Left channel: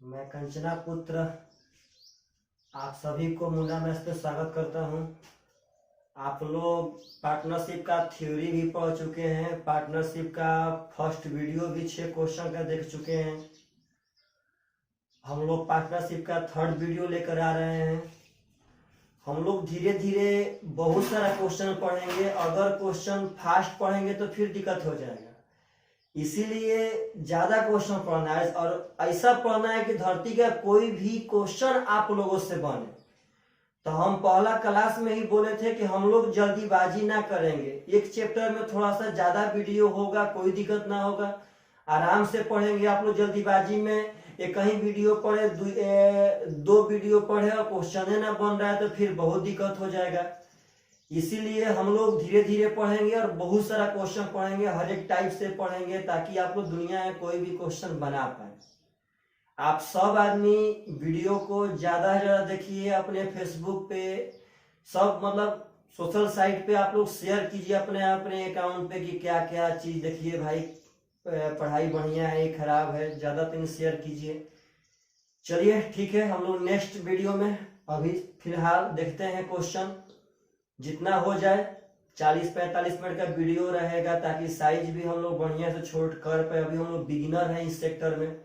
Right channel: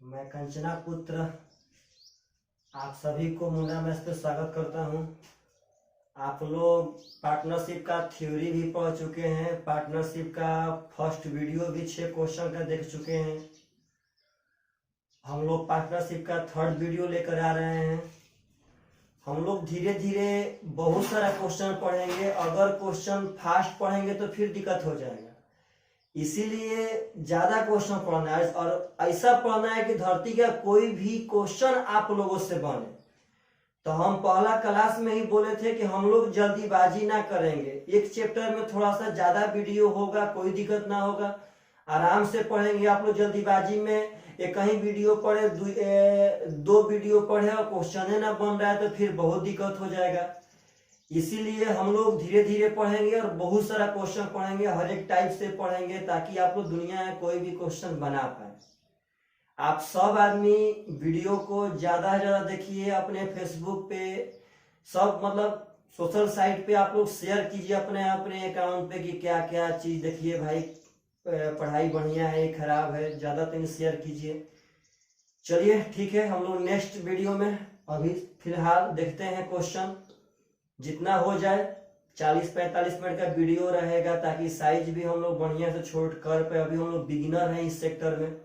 मैं कंचना पुत्र आप सभी को मुंडा मैथ्स पे स्वागत करता हूं। आप लोग पार्टनरशिप का थ्योरी भी पढ़ चुके हैं। पार्टनरशिप का फर्स्ट वीडियो भी 6 क्वेश्चन का देख चुके हैं। हम लोग पार्टनरशिप का थर्ड वीडियो लेकर आ रहे हैं। हम लोग धीरे धीरे बहुत सारा क्वेश्चन पढ़ेंगे। अगर क्वेश्चन फास्ट पढ़ेंगे तो फिर दिक्कत हो जाएगा, इसीलिए ज्यादा क्वेश्चन पढ़ना है और ऐसा पढ़ना है कि धरती का कोई भी क्वेश्चन आप लोगों से बने। तो हम पहला क्लास में ही बोले थे कि हम लोग जल्दीबाजी ना करेंगे। एक चैप्टर में थोड़ा सा ज्यादा वीडियो होगा, कोई दिक्कत ना होगा, आराम से पढ़ेंगे। आप लोग जल्दीबाजी में एक ही वीडियो पढ़े, दो वीडियो पढ़े और क्वेश्चन ना बन रहा है तो फिर बहुत दिक्कत हो जाएगा। इसीलिए हम लोग धीरे धीरे पढ़ेंगे और बहुत सारा क्वेश्चन पढ़ेंगे, हर एक टाइप से पढ़ेंगे ताकि आप लोग दुनिया में कोई भी क्वेश्चन बना पाए। आप सब आदमी वीडियो को ज्यादा से ज्यादा देखिए, अपने फेसबुक पे सब मतलब सोशल साइट पे आप लोग शेयर कीजिए अपने अपने अकाउंट पे कि क्या क्या चीज देखिए भाई, पढ़ाई बढ़िया है खराब है, ज्यादा दिन शेयर कीजिए। चलिए ठीक है, हम लोग नेक्स्ट वीडियो में अभी फिलहाल देखते हैं क्वेश्चन। जितना हो जाए 40-45 मिनट का वीडियो रहेगा ताकि साइज भी हम लोग बढ़िया से छोड़ कर पे। अभी हम लोग बिगिनर हैं इस सेक्टर में।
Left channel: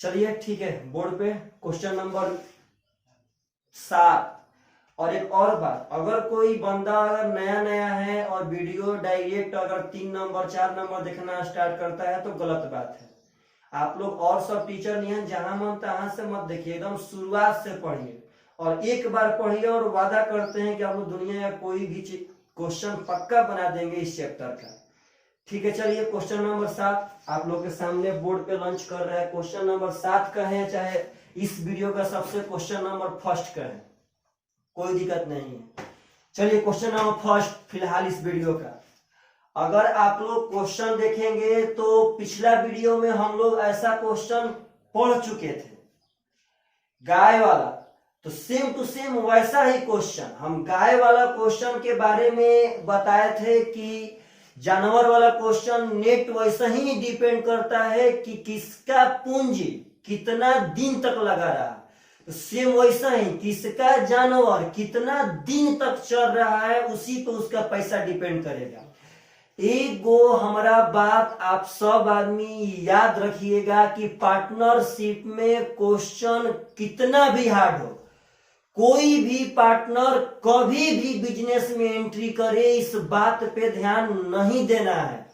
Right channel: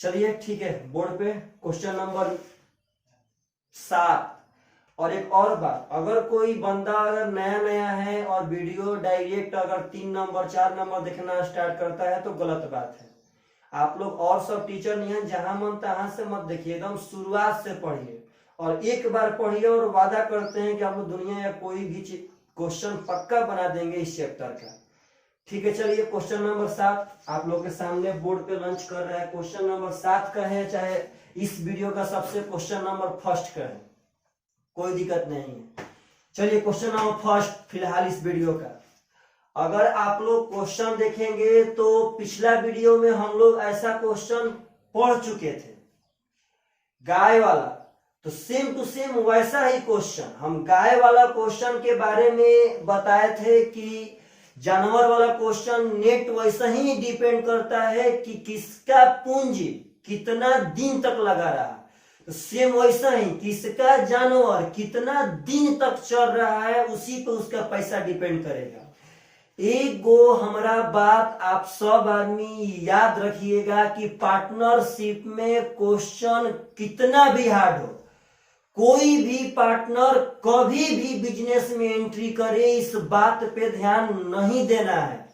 चलिए ठीक है, बोर्ड पे क्वेश्चन नंबर 7। और एक और बात, अगर कोई बंदा अगर नया नया है और वीडियो डायरेक्ट अगर 3 नंबर 4 नंबर देखना स्टार्ट करता है तो गलत बात है। आप लोग और सब टीचर नहीं है, जहां मन तहां से मत देखिए, एकदम शुरुआत से पढ़िए और एक बार पढ़िए और वादा करते हैं कि आप लोग दुनिया या कोई भी क्वेश्चन पक्का बना देंगे इस चैप्टर का। ठीक है, चलिए क्वेश्चन नंबर 7 आप लोग के सामने बोर्ड पे लॉन्च कर रहा है। क्वेश्चन नंबर 7 का है, चाहे इस वीडियो का सबसे क्वेश्चन नंबर फर्स्ट का है, कोई दिक्कत नहीं है। चलिए क्वेश्चन नंबर फर्स्ट फिलहाल इस वीडियो का। अगर आप लोग क्वेश्चन देखेंगे तो पिछला वीडियो में हम लोग ऐसा क्वेश्चन पढ़ चुके थे, गाय वाला। तो सेम टू सेम वैसा ही क्वेश्चन, हम गाय वाला क्वेश्चन के बारे में बताए थे कि जानवर वाला क्वेश्चन नेट वैसा ही डिपेंड करता है कि किसका पूंजी कितना दिन तक लगा रहा। तो सेम वैसा ही किसका जानवर कितना दिन तक चल रहा है, उसी पे उसका पैसा डिपेंड करेगा। एक गो हमारा बात आप सब आदमी याद रखिएगा कि पार्टनरशिप में क्वेश्चन कितना भी हार्ड हो, कोई भी पार्टनर कभी भी बिजनेस में एंट्री करे इस बात पे ध्यान नहीं देना है।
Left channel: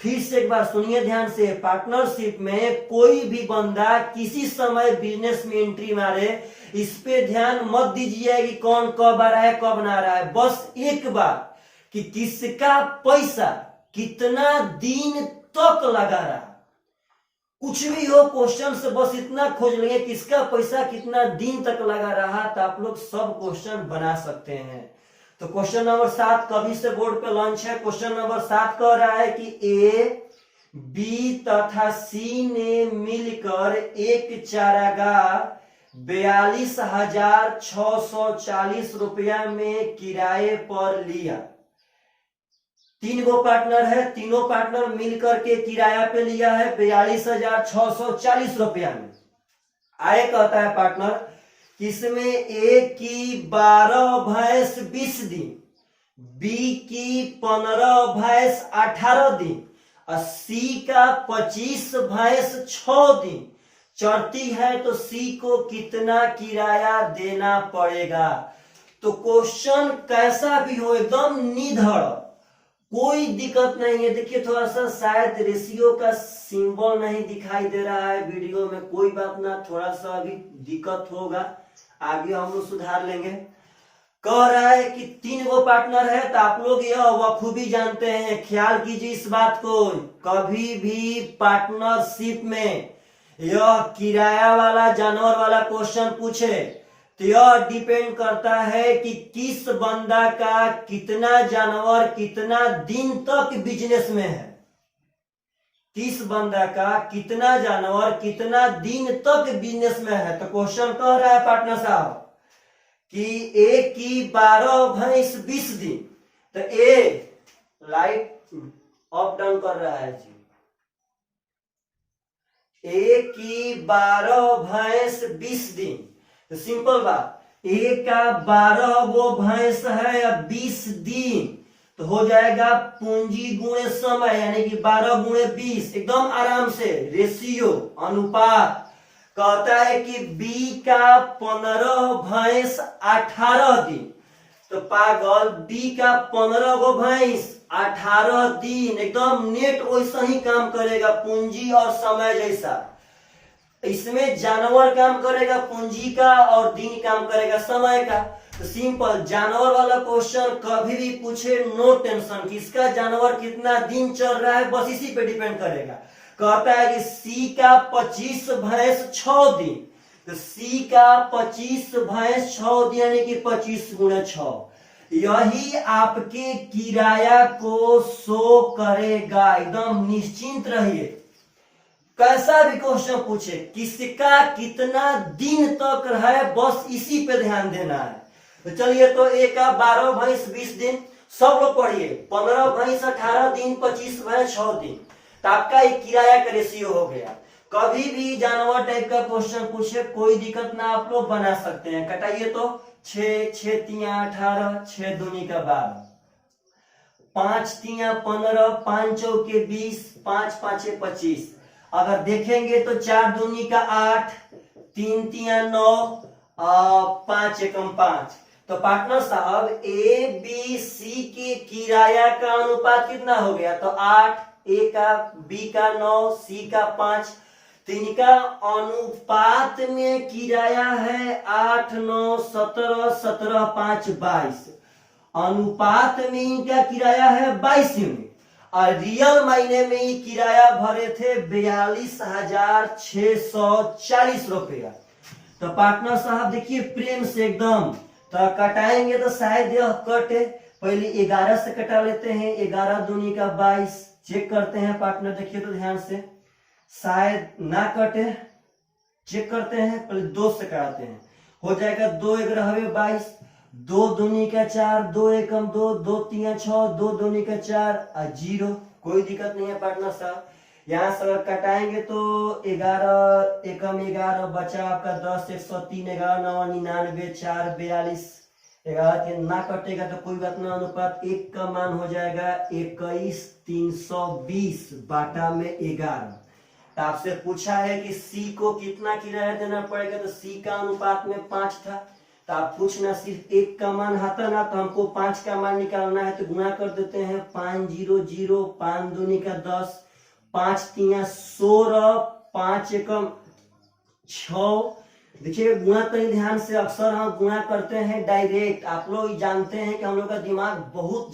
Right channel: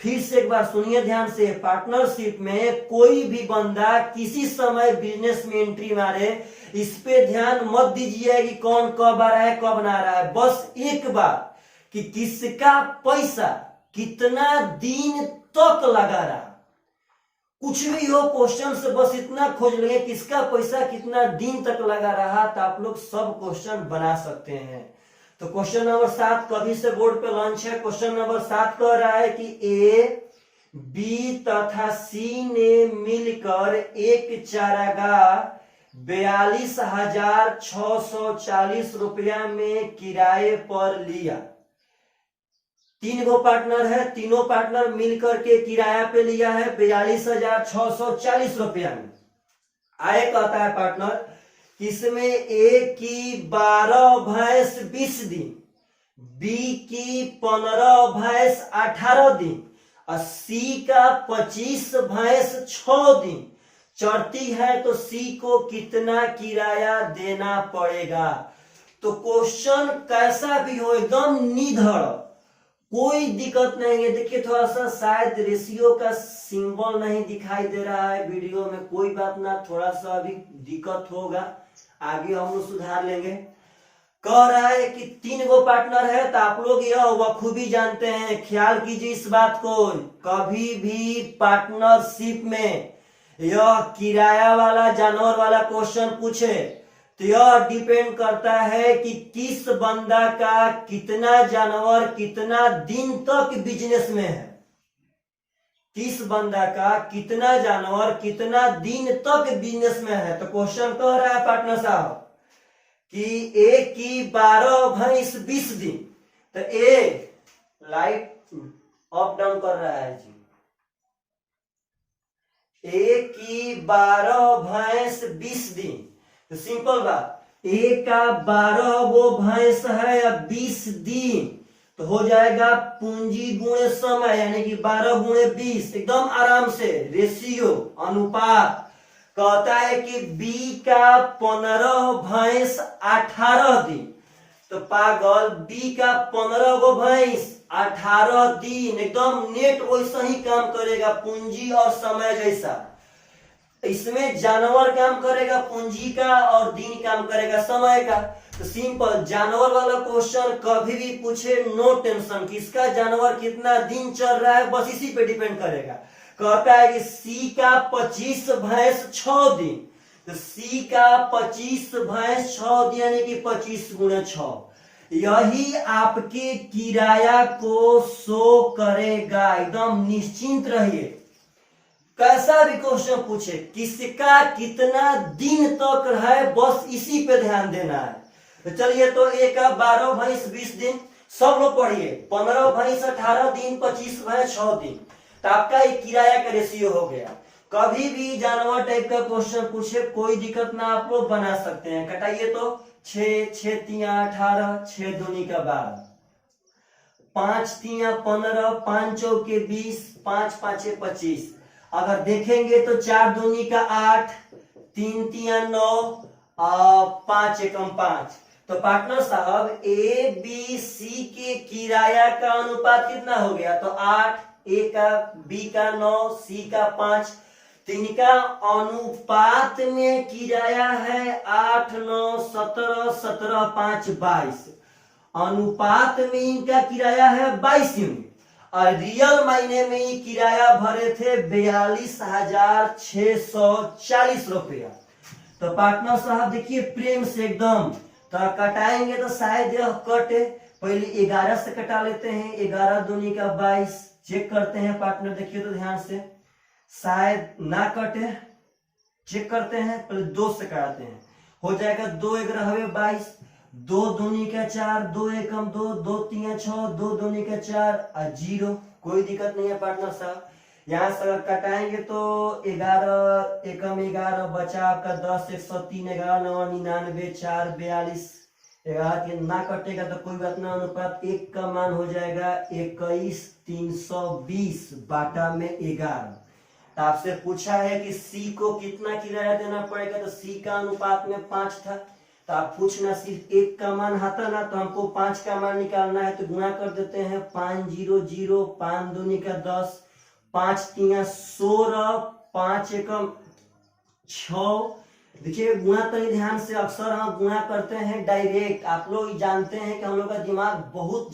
फिर से एक बार सुनिए ध्यान से, पार्टनरशिप में कोई भी बंदा किसी समय बिजनेस में एंट्री मारे इस पे ध्यान मत दीजिए कि कौन कब आ रहा है कब ना आ रहा है। बस एक बात कि किसका पैसा कितना दिन तक लगा रहा, कुछ भी हो क्वेश्चन से बस इतना खोज लेंगे किसका पैसा कितना दिन तक लगा रहा, तो आप लोग सब क्वेश्चन बना सकते हैं। तो क्वेश्चन नंबर 7 कभी से बोर्ड पे लॉन्च है। क्वेश्चन नंबर 7 कह रहा है कि ए, बी तथा सी ने मिलकर एक चारागाह 42,640 रुपया में किराए पर लिया। 3 गो पार्टनर है, तीनों पार्टनर मिलकर के किराया पे लिया है 42,640 रुपया में। आए कहता है पार्टनर, इसमें ए की 12 भैंस 20 दिन, बी की 15 भैंस 18 दिन और सी का 25 भैंस 6 दिन चढ़ती है, तो सी को कितना किराया देना पड़ेगा। तो क्वेश्चन कैसा भी हो एकदम निधड़, कोई दिक्कत नहीं है। देखिए थोड़ा सा शायद रेशियो का सिंबल नहीं दिखाई दे रहा है वीडियो में, कोई बात ना, थोड़ा सा अभी दिक्कत होगा, आगे हम लोग सुधार लेंगे। कह रहा है कि 3 गो पार्टनर है, तो आप लोग यह बखूबी जानते हैं, ख्याल कीजिए इस बात को, कभी भी पार्टनरशिप में यह किराया वाला जानवर वाला क्वेश्चन पूछे तो यह डिपेंड करता है कि किस बंदा का कितना जानवर कितना दिन तक बिजनेस में है, किस बंदा का कितना जानवर कितना दिन तक बिजनेस में है। तो क्वेश्चन कह रहा है पार्टनर साहब कि ए की 12 भैंस 20 दिन, तो ए लाइट अप डाउन कर रहा है जी, एक की 12 भैंस 20 दिन। तो सिंपल बात, एक का 12 वो भैंस है या 20 दिन, तो हो जाएगा पूंजी गुणे समय, यानी कि 12 गुणे 20, एकदम आराम से रेशियो अनुपात। कहता है कि बी का 15 भैंस 18 दिन, तो पागल बी का 15 गो भैंस 18 दिन, एकदम नेट वैसा ही काम करेगा, पूंजी और समय जैसा। इसमें जानवर काम करेगा पूंजी का और दिन काम करेगा समय का। तो सिंपल, जानवर वाला क्वेश्चन कभी भी पूछे नो टेंशन, किसका जानवर कितना दिन चल रहा है बस इसी पे डिपेंड करेगा। कहता है कि सी का 25 भैंस 6 दिन, तो सी का 25 भैंस 6 दिन यानी कि 25 गुणे 6, यही आपके किराया को शो करेगा। एकदम निश्चिंत रहिए, कैसा भी क्वेश्चन पूछे किसका कितना दिन तक है बस इसी पे ध्यान देना है। तो चलिए, तो ए का 12 भैंस 20 दिन, सब लोग पढ़िए, 15 भैंस 18 दिन, 25 भैंस 6 दिन, तो आपका एक किराया का रेशियो हो गया। कभी भी जानवर टाइप का क्वेश्चन पूछे कोई दिक्कत ना, आप लोग बना सकते हैं। कटाइए तो 6 6 3 18, 6 दूनी का 12, 5 3 15, 5 चौके 20, 5 5 25। अगर देखेंगे तो 4 दूनी का 8, 3 3 9, 5 एकम 5। तो पार्टनर साहब ए बी सी के किराया का अनुपात कितना हो गया? तो 8, ए का, बी का 9, सी का 5। तो इनका अनुपात में किराया है 8 9 17, 17 5 22। अनुपात में इनका किराया है 22 यूनिट, और रियल मायने में ही किराया भरे थे 42,640 रुपया। तो पार्टनर साहब देखिए प्रेम से एकदम, तो कटाएंगे तो शायद यह कटे। पहले 11 से कटा लेते हैं, 11 दूनी का 22। चेक करते हैं पार्टनर, देखिए तो ध्यान से, शायद ना कटे। चेक करते हैं, पहले 2 से कटाते हैं, हो जाएगा 2 11 22, 2 दूनी का 4, 2 एकम 2, 2 3 6, 2 दूनी का 4 और 0। कोई दिक्कत नहीं है पार्टनर साहब। यहाँ से अगर कटाएंगे तो 11 एकम 11 बचा आपका 10, 103, 11 9 99, 4 42, 11 के ना कटेगा तो कोई बात ना। अनुपात 1 का मान हो जाएगा 21 320 बाटा में 11। तो आपसे पूछा है कि सी को कितना किराया देना पड़ेगा, तो सी का अनुपात में 5 था। तो आप पूछना सिर्फ 1 का मान आता ना, तो हमको 5 का मान निकालना है, तो गुणा कर देते हैं। 5 0 0, 5 दूनी का 10, 5 3 16, 5 एकम 6। देखिए गुणा कहीं ध्यान से, अक्सर हम गुणा करते हैं डायरेक्ट। आप लोग जानते हैं कि हम लोग का दिमाग बहुत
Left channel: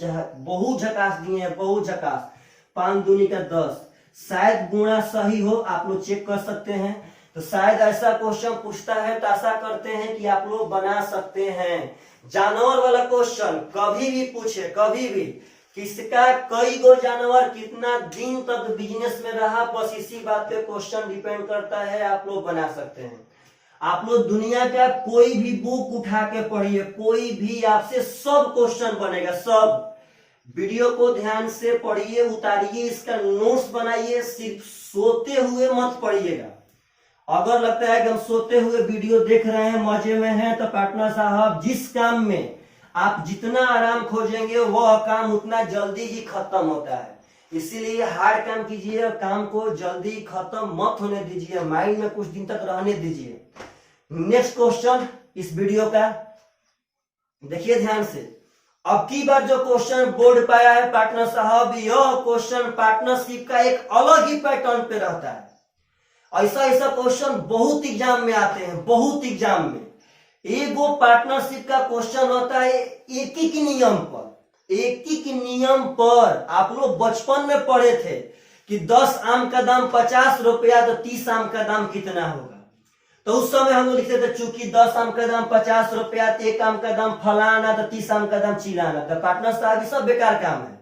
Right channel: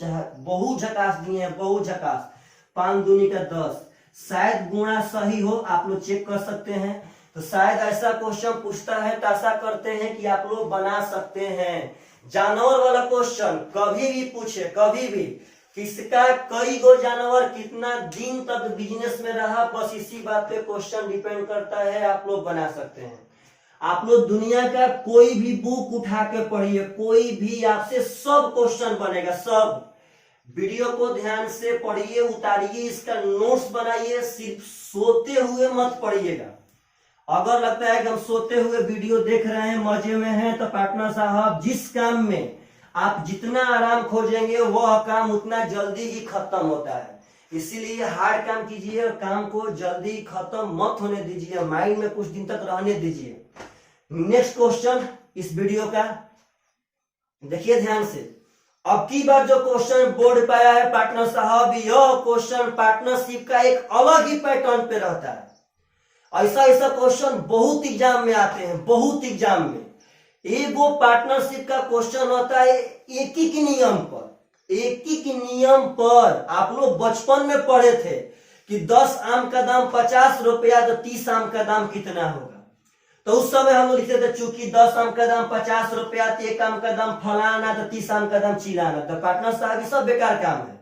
झकास दिए हैं, बहुत झकास। 5 दूनी का 10, शायद गुणा सही हो, आप लोग चेक कर सकते हैं। तो शायद ऐसा क्वेश्चन पूछता है, तो आशा करते हैं कि आप लोग बना सकते हैं। जानवर वाला क्वेश्चन कभी भी पूछे, कभी भी, किसका कई गो जानवर कितना दिन तक बिजनेस में रहा, बस इसी बात पे क्वेश्चन डिपेंड करता है, आप लोग बना सकते हैं। आप लोग दुनिया का कोई भी बुक उठा के पढ़िए, कोई भी आपसे सब क्वेश्चन बनेगा, सब। वीडियो को ध्यान से पढ़िए, उतारिए, इसका नोट्स बनाइए, सिर्फ सोते हुए मत पढ़िएगा। अगर लगता है कि हम सोते हुए वीडियो देख रहे हैं, मजे में हैं, तो पार्टनर साहब जिस काम में आप जितना आराम खोजेंगे वह काम उतना जल्दी ही खत्म होता है। इसीलिए हार्ड काम कीजिए और काम को जल्दी खत्म मत होने दीजिए, माइंड में कुछ दिन तक रहने दीजिए। नेक्स्ट क्वेश्चन इस वीडियो का देखिए ध्यान से। अब की बार जो क्वेश्चन बोर्ड पे आया है पार्टनर साहब, यह क्वेश्चन पार्टनरशिप का एक अलग ही पैटर्न पे रहता है। ऐसा क्वेश्चन बहुत एग्जाम में आते हैं, बहुत एग्जाम में। एक वो पार्टनरशिप का क्वेश्चन होता है एक ही नियम पर, एक ही नियम पर। आप लोग बचपन में पढ़े थे कि 10 आम का दाम 50 रुपया, तो 30 आम का दाम कितना होगा। तो उस समय हम लोग लिखते थे चूंकि 10 आम का दाम 50 रुपया, तो 1 आम का दाम फलाना, तो 30 आम का दाम चिलाना। तो पार्टनर साहब ये सब बेकार काम है।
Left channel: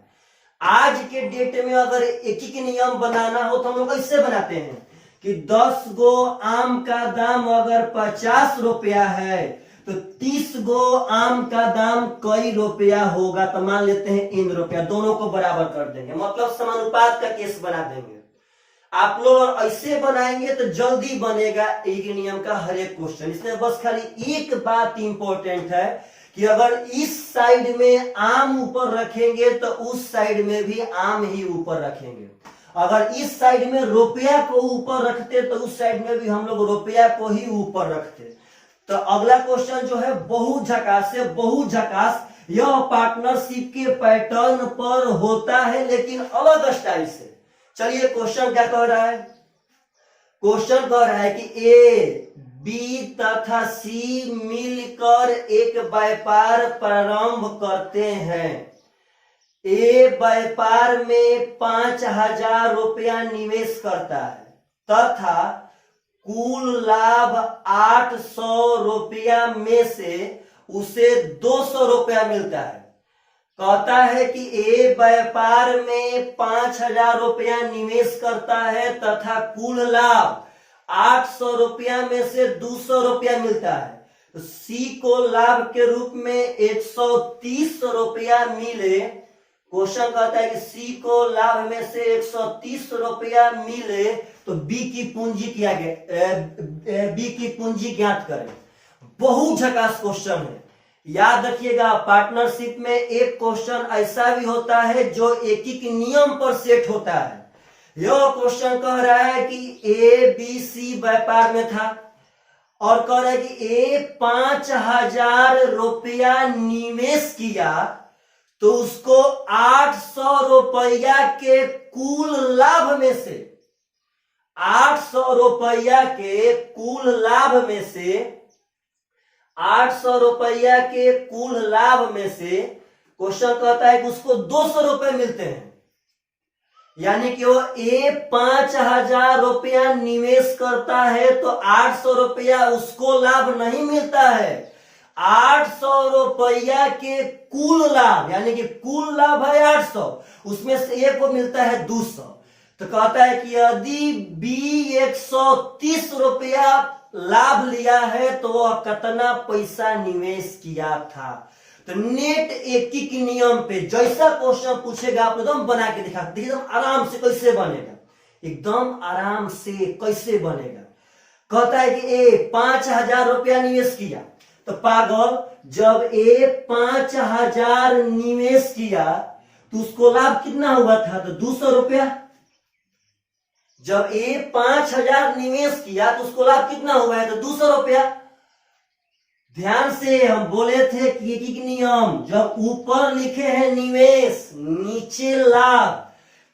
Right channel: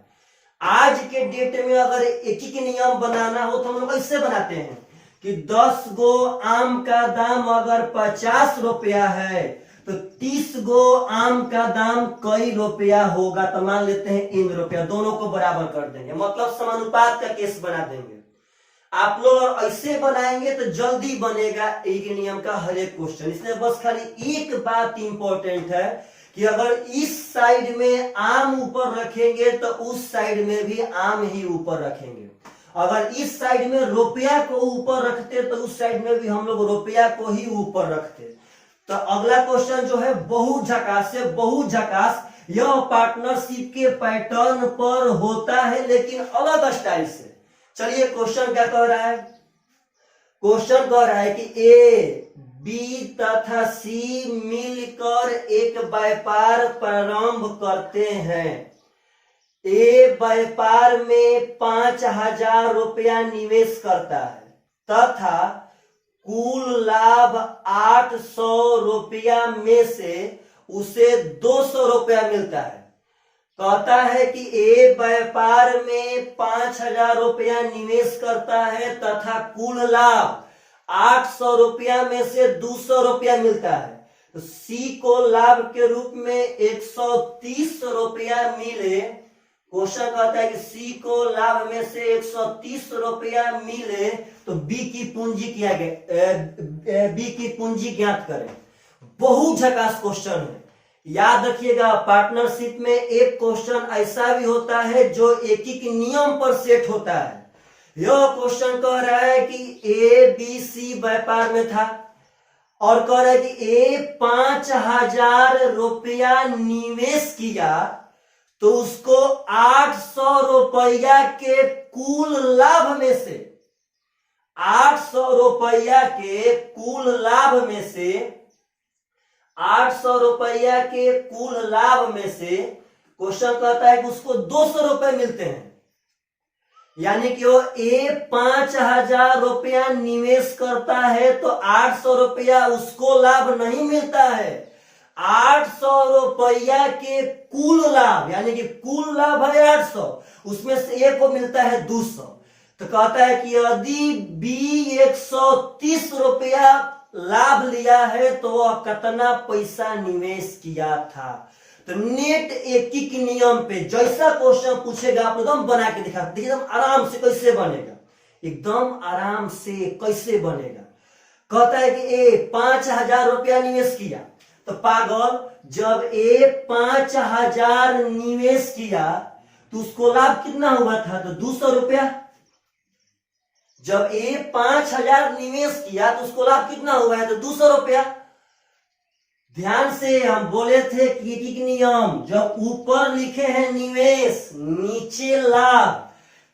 आज के डेट में अगर एक ही नियम बनाना हो तो हम लोग ऐसे बनाते हैं कि 10 गो आम का दाम अगर 50 रुपया है, तो 30 गो आम का दाम कई रुपया होगा। तो मान लेते हैं इन रुपया, दोनों को बराबर कर देंगे, मतलब समानुपात का केस बना देंगे। आप लोग ऐसे बनाएंगे तो जल्दी बनेगा एक नियम का हर एक क्वेश्चन। इसमें बस खाली एक बात इंपॉर्टेंट है कि अगर इस साइड में आम ऊपर रखेंगे तो उस साइड में भी आम ही ऊपर रखेंगे। अगर इस साइड में रुपया को ऊपर रखते तो उस साइड में भी हम लोग रुपया को ही ऊपर रखते। तो अगला क्वेश्चन जो है बहुत झकास से बहुत झकास, यह पार्टनरशिप के पैटर्न पर होता है लेकिन अलग स्टाइल से। चलिए क्वेश्चन क्या कह रहा है? क्वेश्चन कह रहा है कि ए, बी तथा सी मिलकर एक व्यापार प्रारंभ करते हैं। ए व्यापार में 5,000 रुपया निवेश करता है तथा कुल लाभ 800 रुपया में से उसे 200 रुपया मिलता है। कहता है कि ए व्यापार में 5,000 रुपया निवेश करता है तथा कुल लाभ 800 रुपया में से 200 रुपया मिलता है। तो सी को लाभ के रूप में 130 रुपया मिले। क्वेश्चन कहता है कि सी को लाभ में से 130 रुपया मिले तो बी की पूंजी क्या बी की पूंजी ज्ञात करें। बहुत झकास क्वेश्चन है, याद रखिएगा। पार्टनरशिप में एक क्वेश्चन ऐसा भी होता है जो एक एक नियम पर सेट होता है। यह क्वेश्चन कह रहा है कि ए बी सी व्यापार में था और कह रहा है कि ए 5,000 रुपया निवेश किया तो उसको 800 रुपया के कुल लाभ में से 800 रुपया के कुल लाभ में से 800 रुपया के कुल लाभ में से क्वेश्चन कहता है कि उसको 200 रुपए मिलते हैं। यानी कि वो ए 5,000 रुपया निवेश करता है तो 800 रुपया उसको लाभ नहीं मिलता है। 800 रुपया के कुल लाभ, यानी कि कुल लाभ है 800, उसमें से ए को मिलता है 200। तो कहता है कि यदि बी 130 रुपया लाभ लिया है तो वह कितना पैसा निवेश किया था। तो नेट एक ही नियम पे जैसा क्वेश्चन पूछेगा आप एकदम बना के दिखा, देखिए एकदम आराम से कैसे बनेगा, एकदम आराम से कैसे बनेगा। कहता है कि ए 5,000 रुपया निवेश किया तो पागल, जब ए 5,000 निवेश किया तो उसको लाभ कितना हुआ था? तो 200 रुपया। जब ए 5,000 निवेश किया तो उसको लाभ कितना हुआ है? तो 200 रुपया। ध्यान से हम बोले थे कि एक नियम, जब ऊपर लिखे हैं निवेश नीचे लाभ,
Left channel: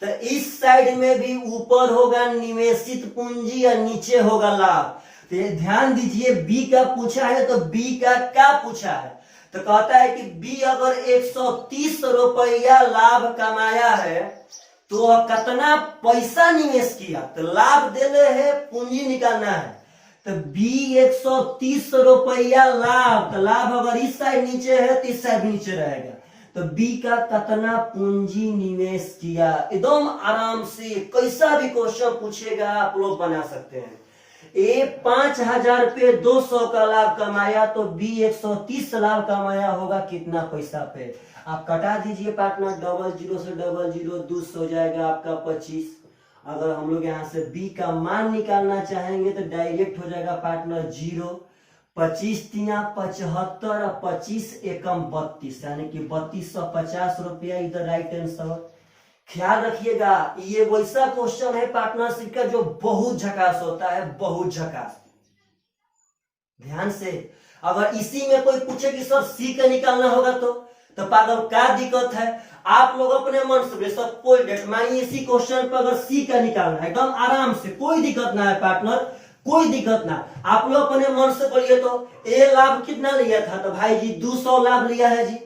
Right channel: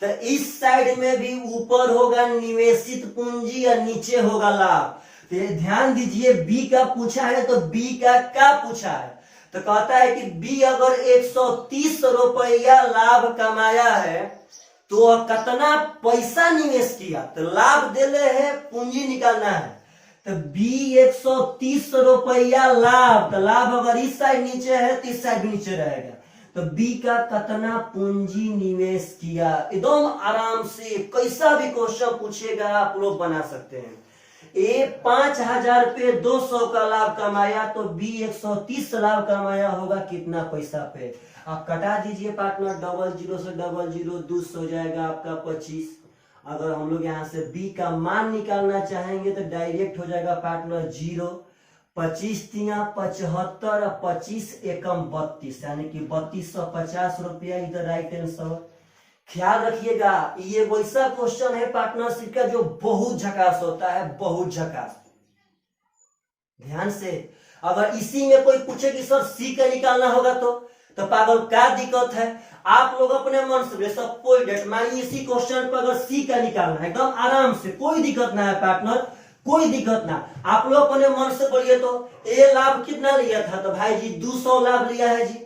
तो इस साइड में भी ऊपर होगा निवेशित पूंजी और नीचे होगा लाभ। तो ध्यान दीजिए, बी का पूछा है तो बी का क्या पूछा है? तो कहता है कि बी अगर 130 रुपया लाभ कमाया है तो वह कितना पैसा निवेश किया? तो लाभ देले है, पूंजी निकालना है। तो बी 130 रुपया लाभ, तो लाभ अगर इस साइड नीचे है तो इस साइड भी नीचे रहेगा। तो बी का कितना पूंजी निवेश किया? एकदम आराम से कैसा भी क्वेश्चन पूछेगा आप लोग बना सकते हैं। ए 5,000 पे 200 का लाभ कमाया तो बी 130 लाभ कमाया होगा कितना पैसा पे? आप कटा दीजिए पार्टनर, 00 से 00 200 हो जाएगा आपका 25। अगर हम लोग यहाँ से बी का मान निकालना चाहेंगे तो डायरेक्ट हो जाएगा पार्टनर 0, 25 तिया 75 और 25 एकम 32, यानी कि 3250 रुपया इधर राइट आंसर। ख्याल रखिएगा, ये वैसा क्वेश्चन है पार्टनरशिप का जो बहुत झकास होता है, बहुत झकास। ध्यान से, अगर इसी में कोई पूछे कि सर सी का निकालना होगा तो पागल क्या दिक्कत है? आप लोग अपने मन से सब कोई डेट मानिए इसी क्वेश्चन पर अगर सी का निकालना है एकदम आराम से, कोई दिक्कत ना है पार्टनर, कोई दिक्कत ना। आप लोग अपने मन से बोलिए तो ए लाभ कितना लिया था? तो भाई जी 200 लाभ लिया है जी।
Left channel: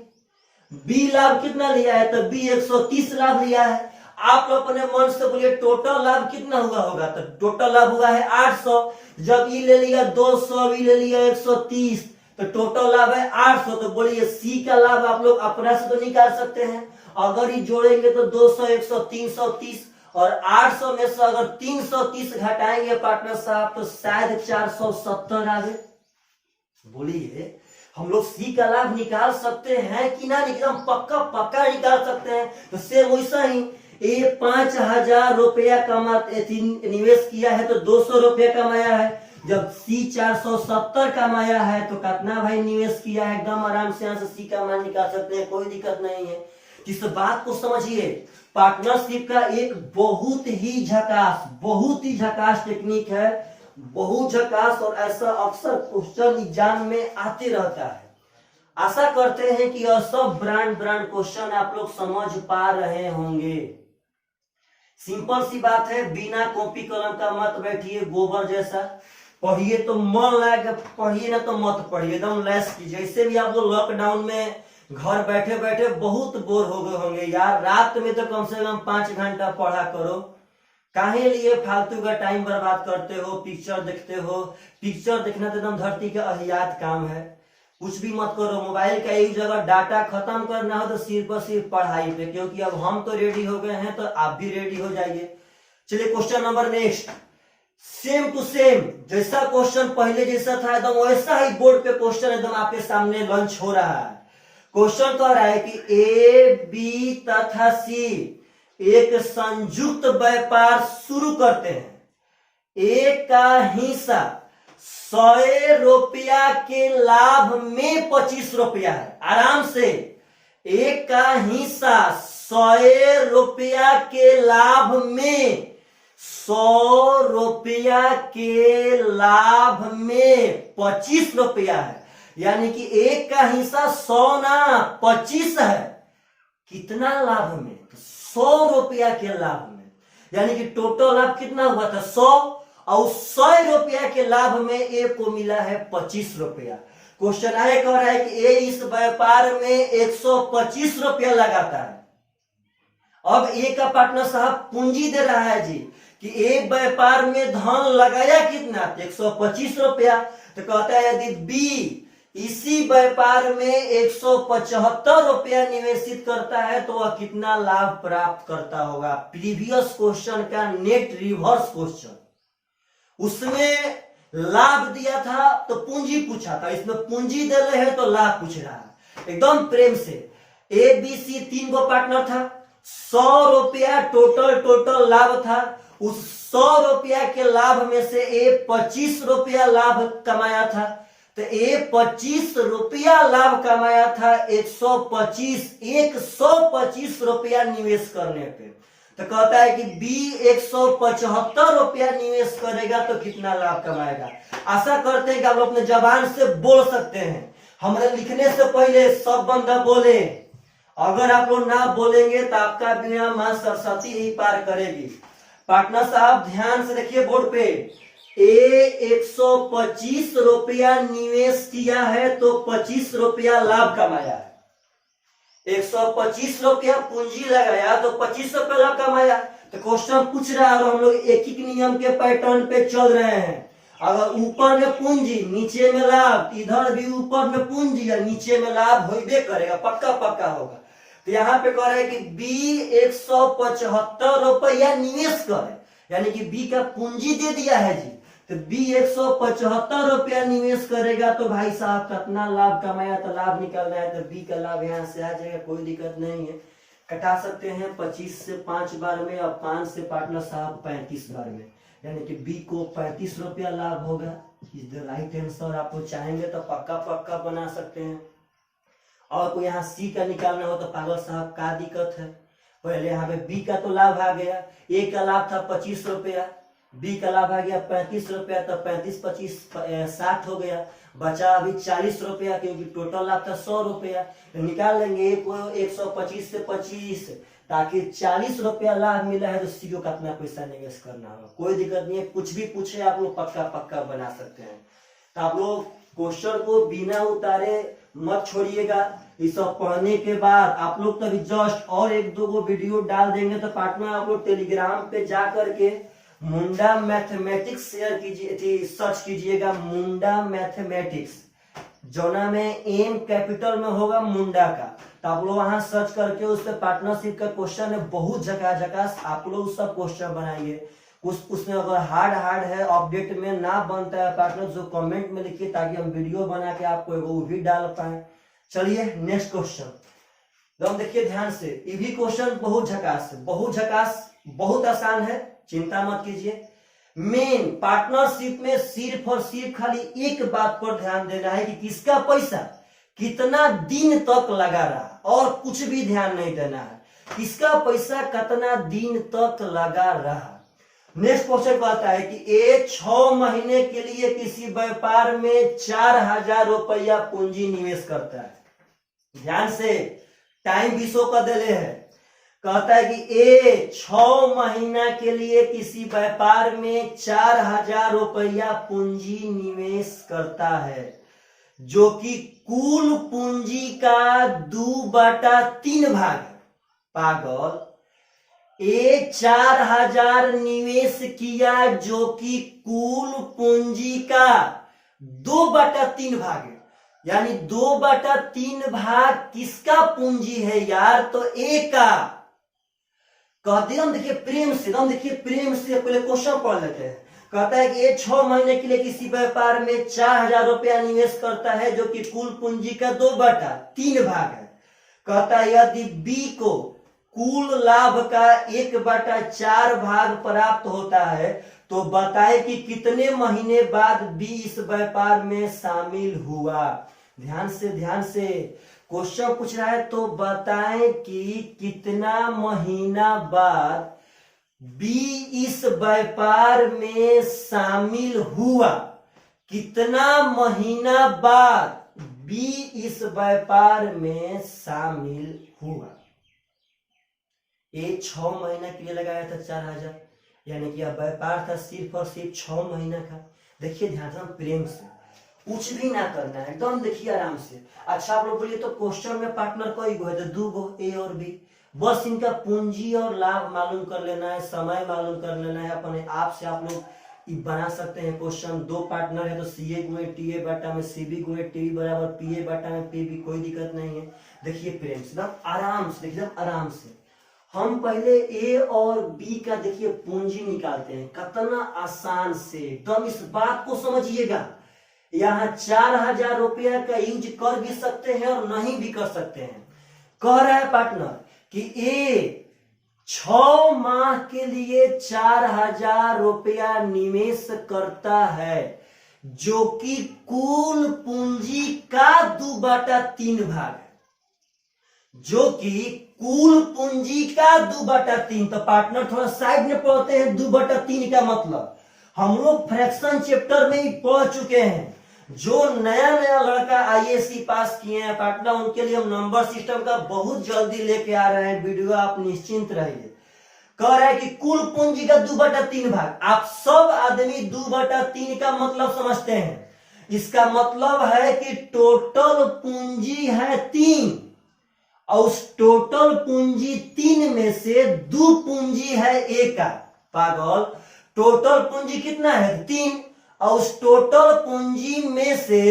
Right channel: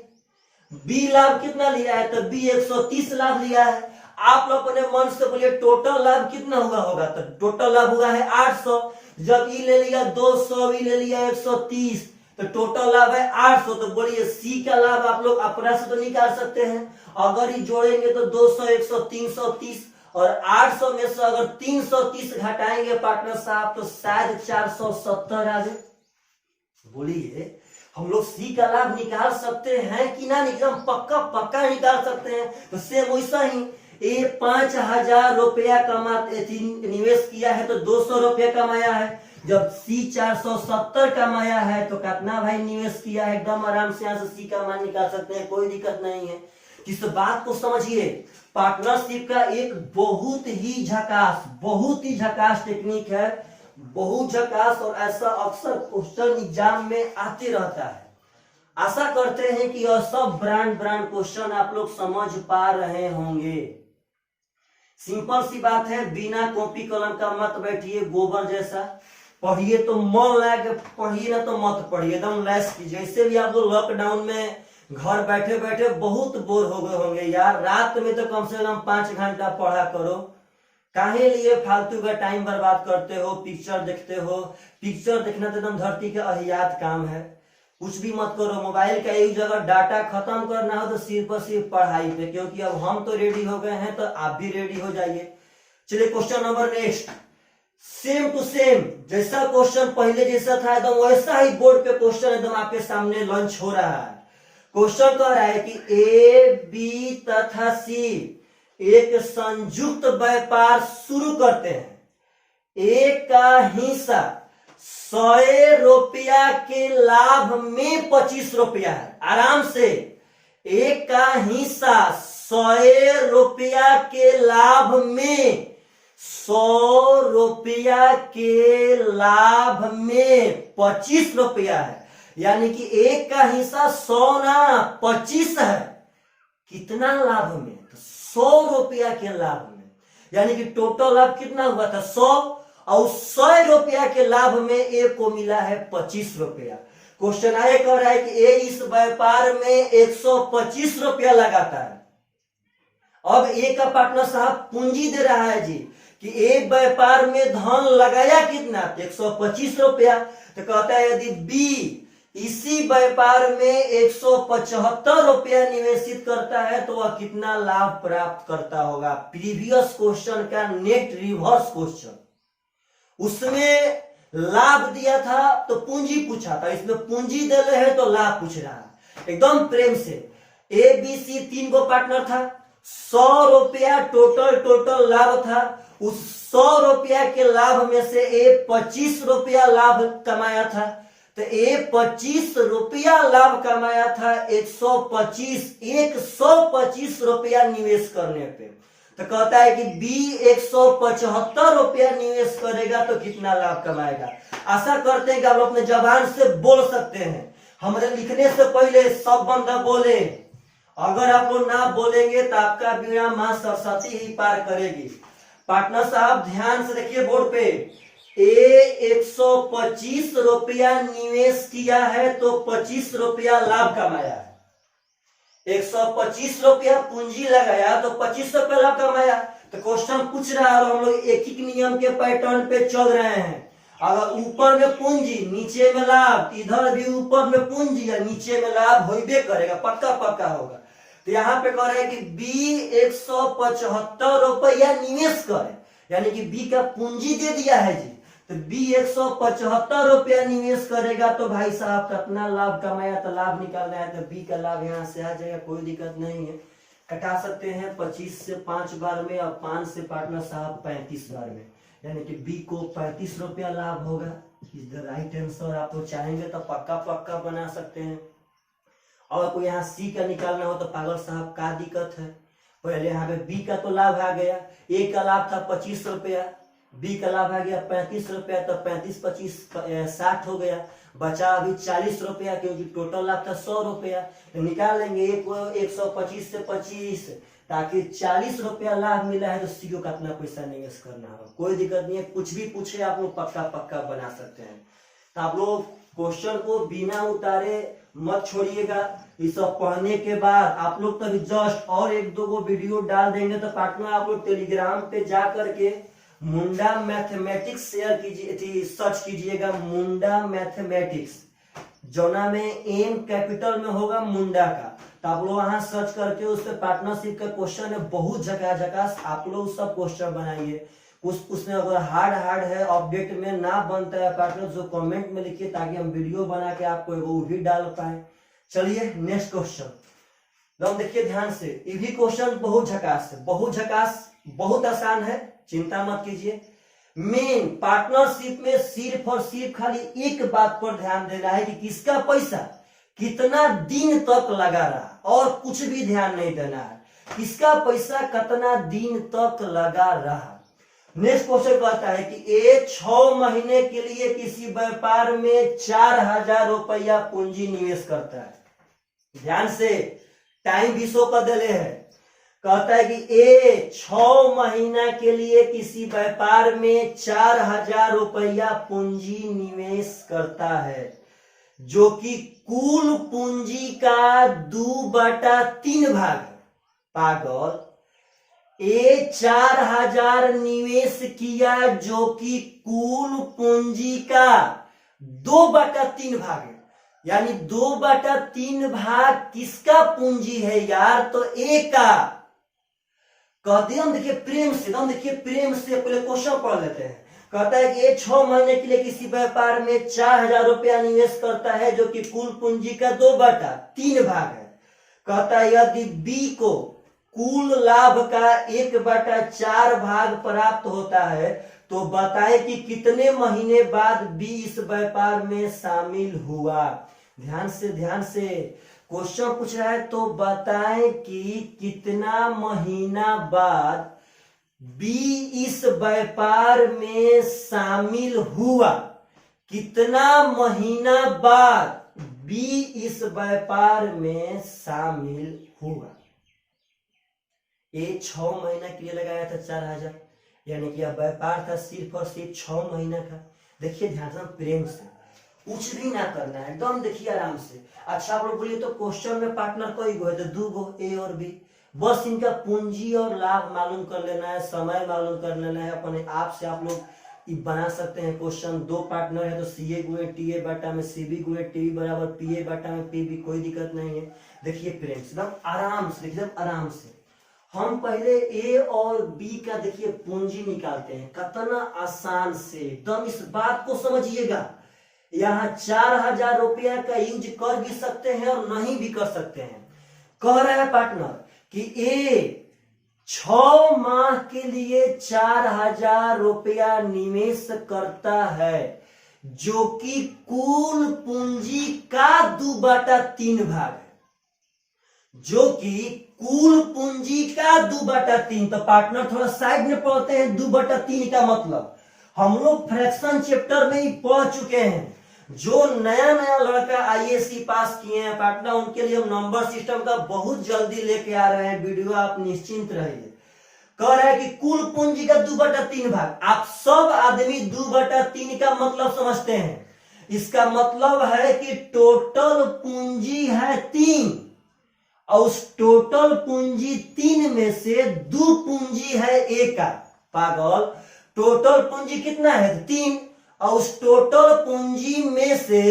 बी लाभ कितना लिया है? तो बी 130 लाभ लिया है। आप लोग अपने मन से बोलिए टोटल लाभ कितना होगा? तो टोटल लाभ हुआ है 800। जब ई ले लिया 200, ई ले लिया 130, तो टोटल लाभ है 800। तो बोलिए सी का लाभ आप लोग अपना से तो निकाल सकते हैं। अगर ये जोड़ेंगे तो 200, 100, 330 और 800 में से अगर 330 घटाएंगे पार्टनर साहब तो शायद 470 आ जाए। बोलिए हम लोग सी का लाभ निकाल सकते हैं कि ना? निकाल, पक्का निकाल सकते हैं। तो सेम वैसा ही ए 5,000 रुपया निवेश किया है तो 200 रुपया कमाया है। जब सी 470 कमाया है तो कितना भाई निवेश किया है, एकदम आराम से यहाँ से सी का मान निकाल सकते हैं, कोई दिक्कत नहीं है। इस बात को समझिए, पार्टनरशिप का एक बहुत ही झकास टेक्निक है, बहुत झकास, और ऐसा अक्सर क्वेश्चन एग्जाम में आते रहता है। आशा करते हैं कि यह सब ब्रांड क्वेश्चन आप लोग समझ पा रहे होंगे। सिंपल सी बात है, बिना कॉपी कलम का मत बैठिए, गोबर जैसा पढ़िए तो मन लगा के पढ़िए, ना तो मत पढ़िए, एकदम लेस कीजिए। इससे भी आप लोग लॉकडाउन में घर बैठे बैठे बहुत बोर हो गए होंगे यार, रात में तो कम से कम 5 घंटा पढ़ा करो, काहे लिए फालतू का टाइम बर्बाद करते हो, पिक्चर देखते हो। पिक्चर देखना तो एकदम धरती के अहियात काम है, कुछ भी मत करो। मोबाइल का एक जगह डाटा खत्म करना हो तो सिर्फ और सिर्फ पढ़ाई पे, क्योंकि अब हम तो रेडी हो गए हैं तो आप भी रेडी हो जाइए। चलिए question number next, same to same, जैसा क्वेश्चन पहले जैसा था एकदम वैसा ही बोर्ड पे क्वेश्चन एकदम आपके सामने लॉन्च हो रहा है। क्वेश्चन कह रहा है कि ए, बी तथा सी एक संयुक्त व्यापार शुरू करते हैं। ए का हिस्सा 100 रुपया के लाभ में 25 रुपया है। आराम से, एक का हिस्सा 100 रुपया के लाभ में 100 रुपया के लाभ में 25 रुपया है, यानी कि एक का हिस्सा 100 ना 25 है। कितना लाभ में? 100 रुपया के लाभ में, यानी कि टोटल लाभ कितना हुआ था 100, और 100 रुपया के लाभ में ए को मिला है 25 रुपया। क्वेश्चन आगे कह रहा है कि ए इस व्यापार में 125 रुपया लगाता है। अब ए का पार्टनर साहब पूंजी दे रहा है जी कि एक व्यापार में धन लगाया कितना, 125 रुपया। तो कहता है यदि बी इसी व्यापार में 175 रुपया निवेशित करता है तो वह कितना लाभ प्राप्त करता होगा। प्रीवियस क्वेश्चन का नेट रिवर्स क्वेश्चन, उसमें लाभ दिया था तो पूंजी पूछा था, इसमें पूंजी दे रहे हैं तो लाभ पूछ रहा है। एकदम प्रेम से, ए बी सी 3 को पार्टनर था, 100 रुपया टोटल लाभ था। उस 100 रुपया के लाभ में से ए 25 रुपया लाभ कमाया था, तो ए 25 रुपया लाभ कमाया था 125 रुपया निवेश करने पे। तो कहता है कि बी 175 रुपया निवेश करेगा तो कितना लाभ कमाएगा। आशा करते हैं कि आप अपने जबान से बोल सकते हैं। हमारे लिखने से पहले सब बंदा बोले, अगर आप लोग ना बोलेंगे तो आपका बिना मां सरस्वती ही पार करेगी। पार्टनर साहब ध्यान से देखिए बोर्ड पे, ए 125 रुपया निवेश किया है तो 25 रुपया लाभ कमाया है। 125 रुपया पूंजी लगाया तो 25 रुपया लाभ कमाया। तो क्वेश्चन पूछ रहा है और हम लोग एक ही नियम के पैटर्न पे चल रहे हैं। अगर ऊपर में पूंजी नीचे में लाभ, इधर भी ऊपर में पूंजी या नीचे में लाभ होइबे करेगा, पक्का होगा। तो यहाँ पे कह रहा है कि बी 175 रुपया निवेश करे, यानी कि बी का पूंजी दे दिया है जी। तो बी 175 रुपया निवेश करेगा तो भाई साहब कितना लाभ कमाया, तो लाभ निकालना है। तो बी का लाभ यहाँ से आ जाएगा, कोई दिक्कत नहीं है, कटा सकते हैं 25 से 5 बार में और 5 से पार्टनर साहब 35 बार में, यानी कि बी को 35 रुपया लाभ होगा। Is the right answer. आप लोग चाहेंगे तो पक्का बना सकते हैं। और कोई यहाँ सी का निकालना हो तो पागल साहब का दिक्कत है। पहले यहाँ पे बी का तो लाभ आ गया, ए का लाभ था 25 रुपया, बी का लाभ आ गया 35 रुपया, तो 35 25 60 हो गया, बचा अभी 40 रुपया, क्योंकि टोटल लाभ था 100 रुपया। तो निकाल लेंगे 125 से 25, ताकि 40 रुपया लाभ मिला है तो सी को कितना पैसा निवेश करना होगा। कोई दिक्कत नहीं है, कुछ भी पूछे आप लोग पक्का बना सकते हैं। तो आप लोग क्वेश्चन को बिना उतारे मत छोड़िएगा। ये सब पढ़ने के बाद आप लोग तभी जस्ट और 1-2 वीडियो डाल देंगे तो पार्टनर आप लोग टेलीग्राम पे जा करके मुंडा मैथमेटिक्स शेयर कीजिए, सर्च कीजिएगा मुंडा मैथमेटिक्स, जोना में एम कैपिटल में होगा मुंडा का। तो आप लोग वहां सर्च करके उस पर पार्टनरशिप का क्वेश्चन है, बहुत झकास, आप लोग सब क्वेश्चन बनाइए। उसमें अगर हार्ड है, अपडेट में ना बनता है पार्टनर, जो कमेंट में लिखिए ताकि हम वीडियो बना के आपको वो भी डाल पाए। चलिए नेक्स्ट क्वेश्चन, एकदम देखिए ध्यान से, ये भी क्वेश्चन बहुत झकास है, बहुत झकास, बहुत आसान है, चिंता मत कीजिए। मेन पार्टनरशिप में सिर्फ और सिर्फ खाली एक बात पर ध्यान देना है कि किसका पैसा कितना दिन तक लगा रहा, और कुछ भी ध्यान नहीं देना है, किसका पैसा कितना दिन तक लगा रहा। नेक्स्ट क्वेश्चन कहता है कि ए 6 महीने के लिए किसी व्यापार में 4000 रुपया पूंजी निवेश करता है। ध्यान से, टाइम भी शो कर देले है। कहता है कि ए 6 महीना के लिए किसी व्यापार में 4000 रुपया पूंजी निवेश करता है, जो कि कुल पूंजी का 2/3 भाग है। पागल, ए 4000 निवेश किया जो कि कुल पूंजी का 2/3 भाग है, यानी 2/3 भाग किसका पूंजी है यार? तो ए का। कहते हैं, हम देखिए प्रेम से, हम देखिए प्रेम से पहले क्वेश्चन पढ़ लेते हैं। कहता है कि ये 6 महीने के लिए किसी व्यापार में 4000 रुपया निवेश करता है, जो कि कुल पूंजी का 2/3 भाग है। कहता है यदि बी को कुल लाभ का 1/4 भाग प्राप्त होता है तो बताए कि कितने महीने बाद बी इस व्यापार में शामिल हुआ। ध्यान से क्वेश्चन पूछ रहा है, तो बताएं कि कितना महीना बाद बी इस व्यापार में शामिल हुआ। कितना महीना बाद बी इस व्यापार में शामिल हुआ। ये 6 महीना के लिए लगाया था 4000, यानी कि अब व्यापार था सिर्फ और सिर्फ 6 महीना का। देखिए ध्यान से, प्रेम से, कुछ भी ना करना है, एकदम देखिए आराम से। अच्छा आप लोग बोलिए तो क्वेश्चन में पार्टनर कोई गो है? तो 2 गो, ए और बी। बस इनका पूंजी और लाभ मालूम कर लेना है, समय मालूम कर लेना है। अपने आप से आप लोग बना सकते हैं क्वेश्चन। 2 पार्टनर है तो सी ए गुणे टी ए बटा में सी बी गुणे टी बराबर पी ए बटा में पी बी, कोई दिक्कत नहीं है। देखिए प्रेम से, एकदम आराम से, एकदम आराम से हम पहले ए और बी का देखिए पूंजी निकालते हैं। कितना आसान से, एकदम इस बात को समझिएगा। यहाँ 4000 रुपया का यूज कर भी सकते हैं और नहीं भी कर सकते हैं। कह रहा है पार्टनर कि ए 6 माह के लिए 4000 रुपया निवेश करता है, जो कि कुल पूंजी का 2/3 भाग है, जो कि कुल पूंजी का 2/3। तो पार्टनर थोड़ा साइड में पढ़ते हैं। 2/3 का मतलब हम लोग फ्रैक्शन चैप्टर में ही पढ़ चुके हैं। जो नया नया लड़का आईएएससी पास किए हैं पार्टनर, उनके लिए हम नंबर सिस्टम का बहुत जल्दी लेके आ रहे हैं वीडियो, आप निश्चिंत रहिए। कह रहा है कि कुल पूंजी का 2/3 भाग। आप सब आदमी 2/3 का मतलब समझते हैं। इसका मतलब है कि टोटल पूंजी है 3, और उस टोटल पूंजी 3 में से 2 पूंजी है ए का। पागल, टोटल पूंजी कितना है? 3, और उस टोटल पूंजी में से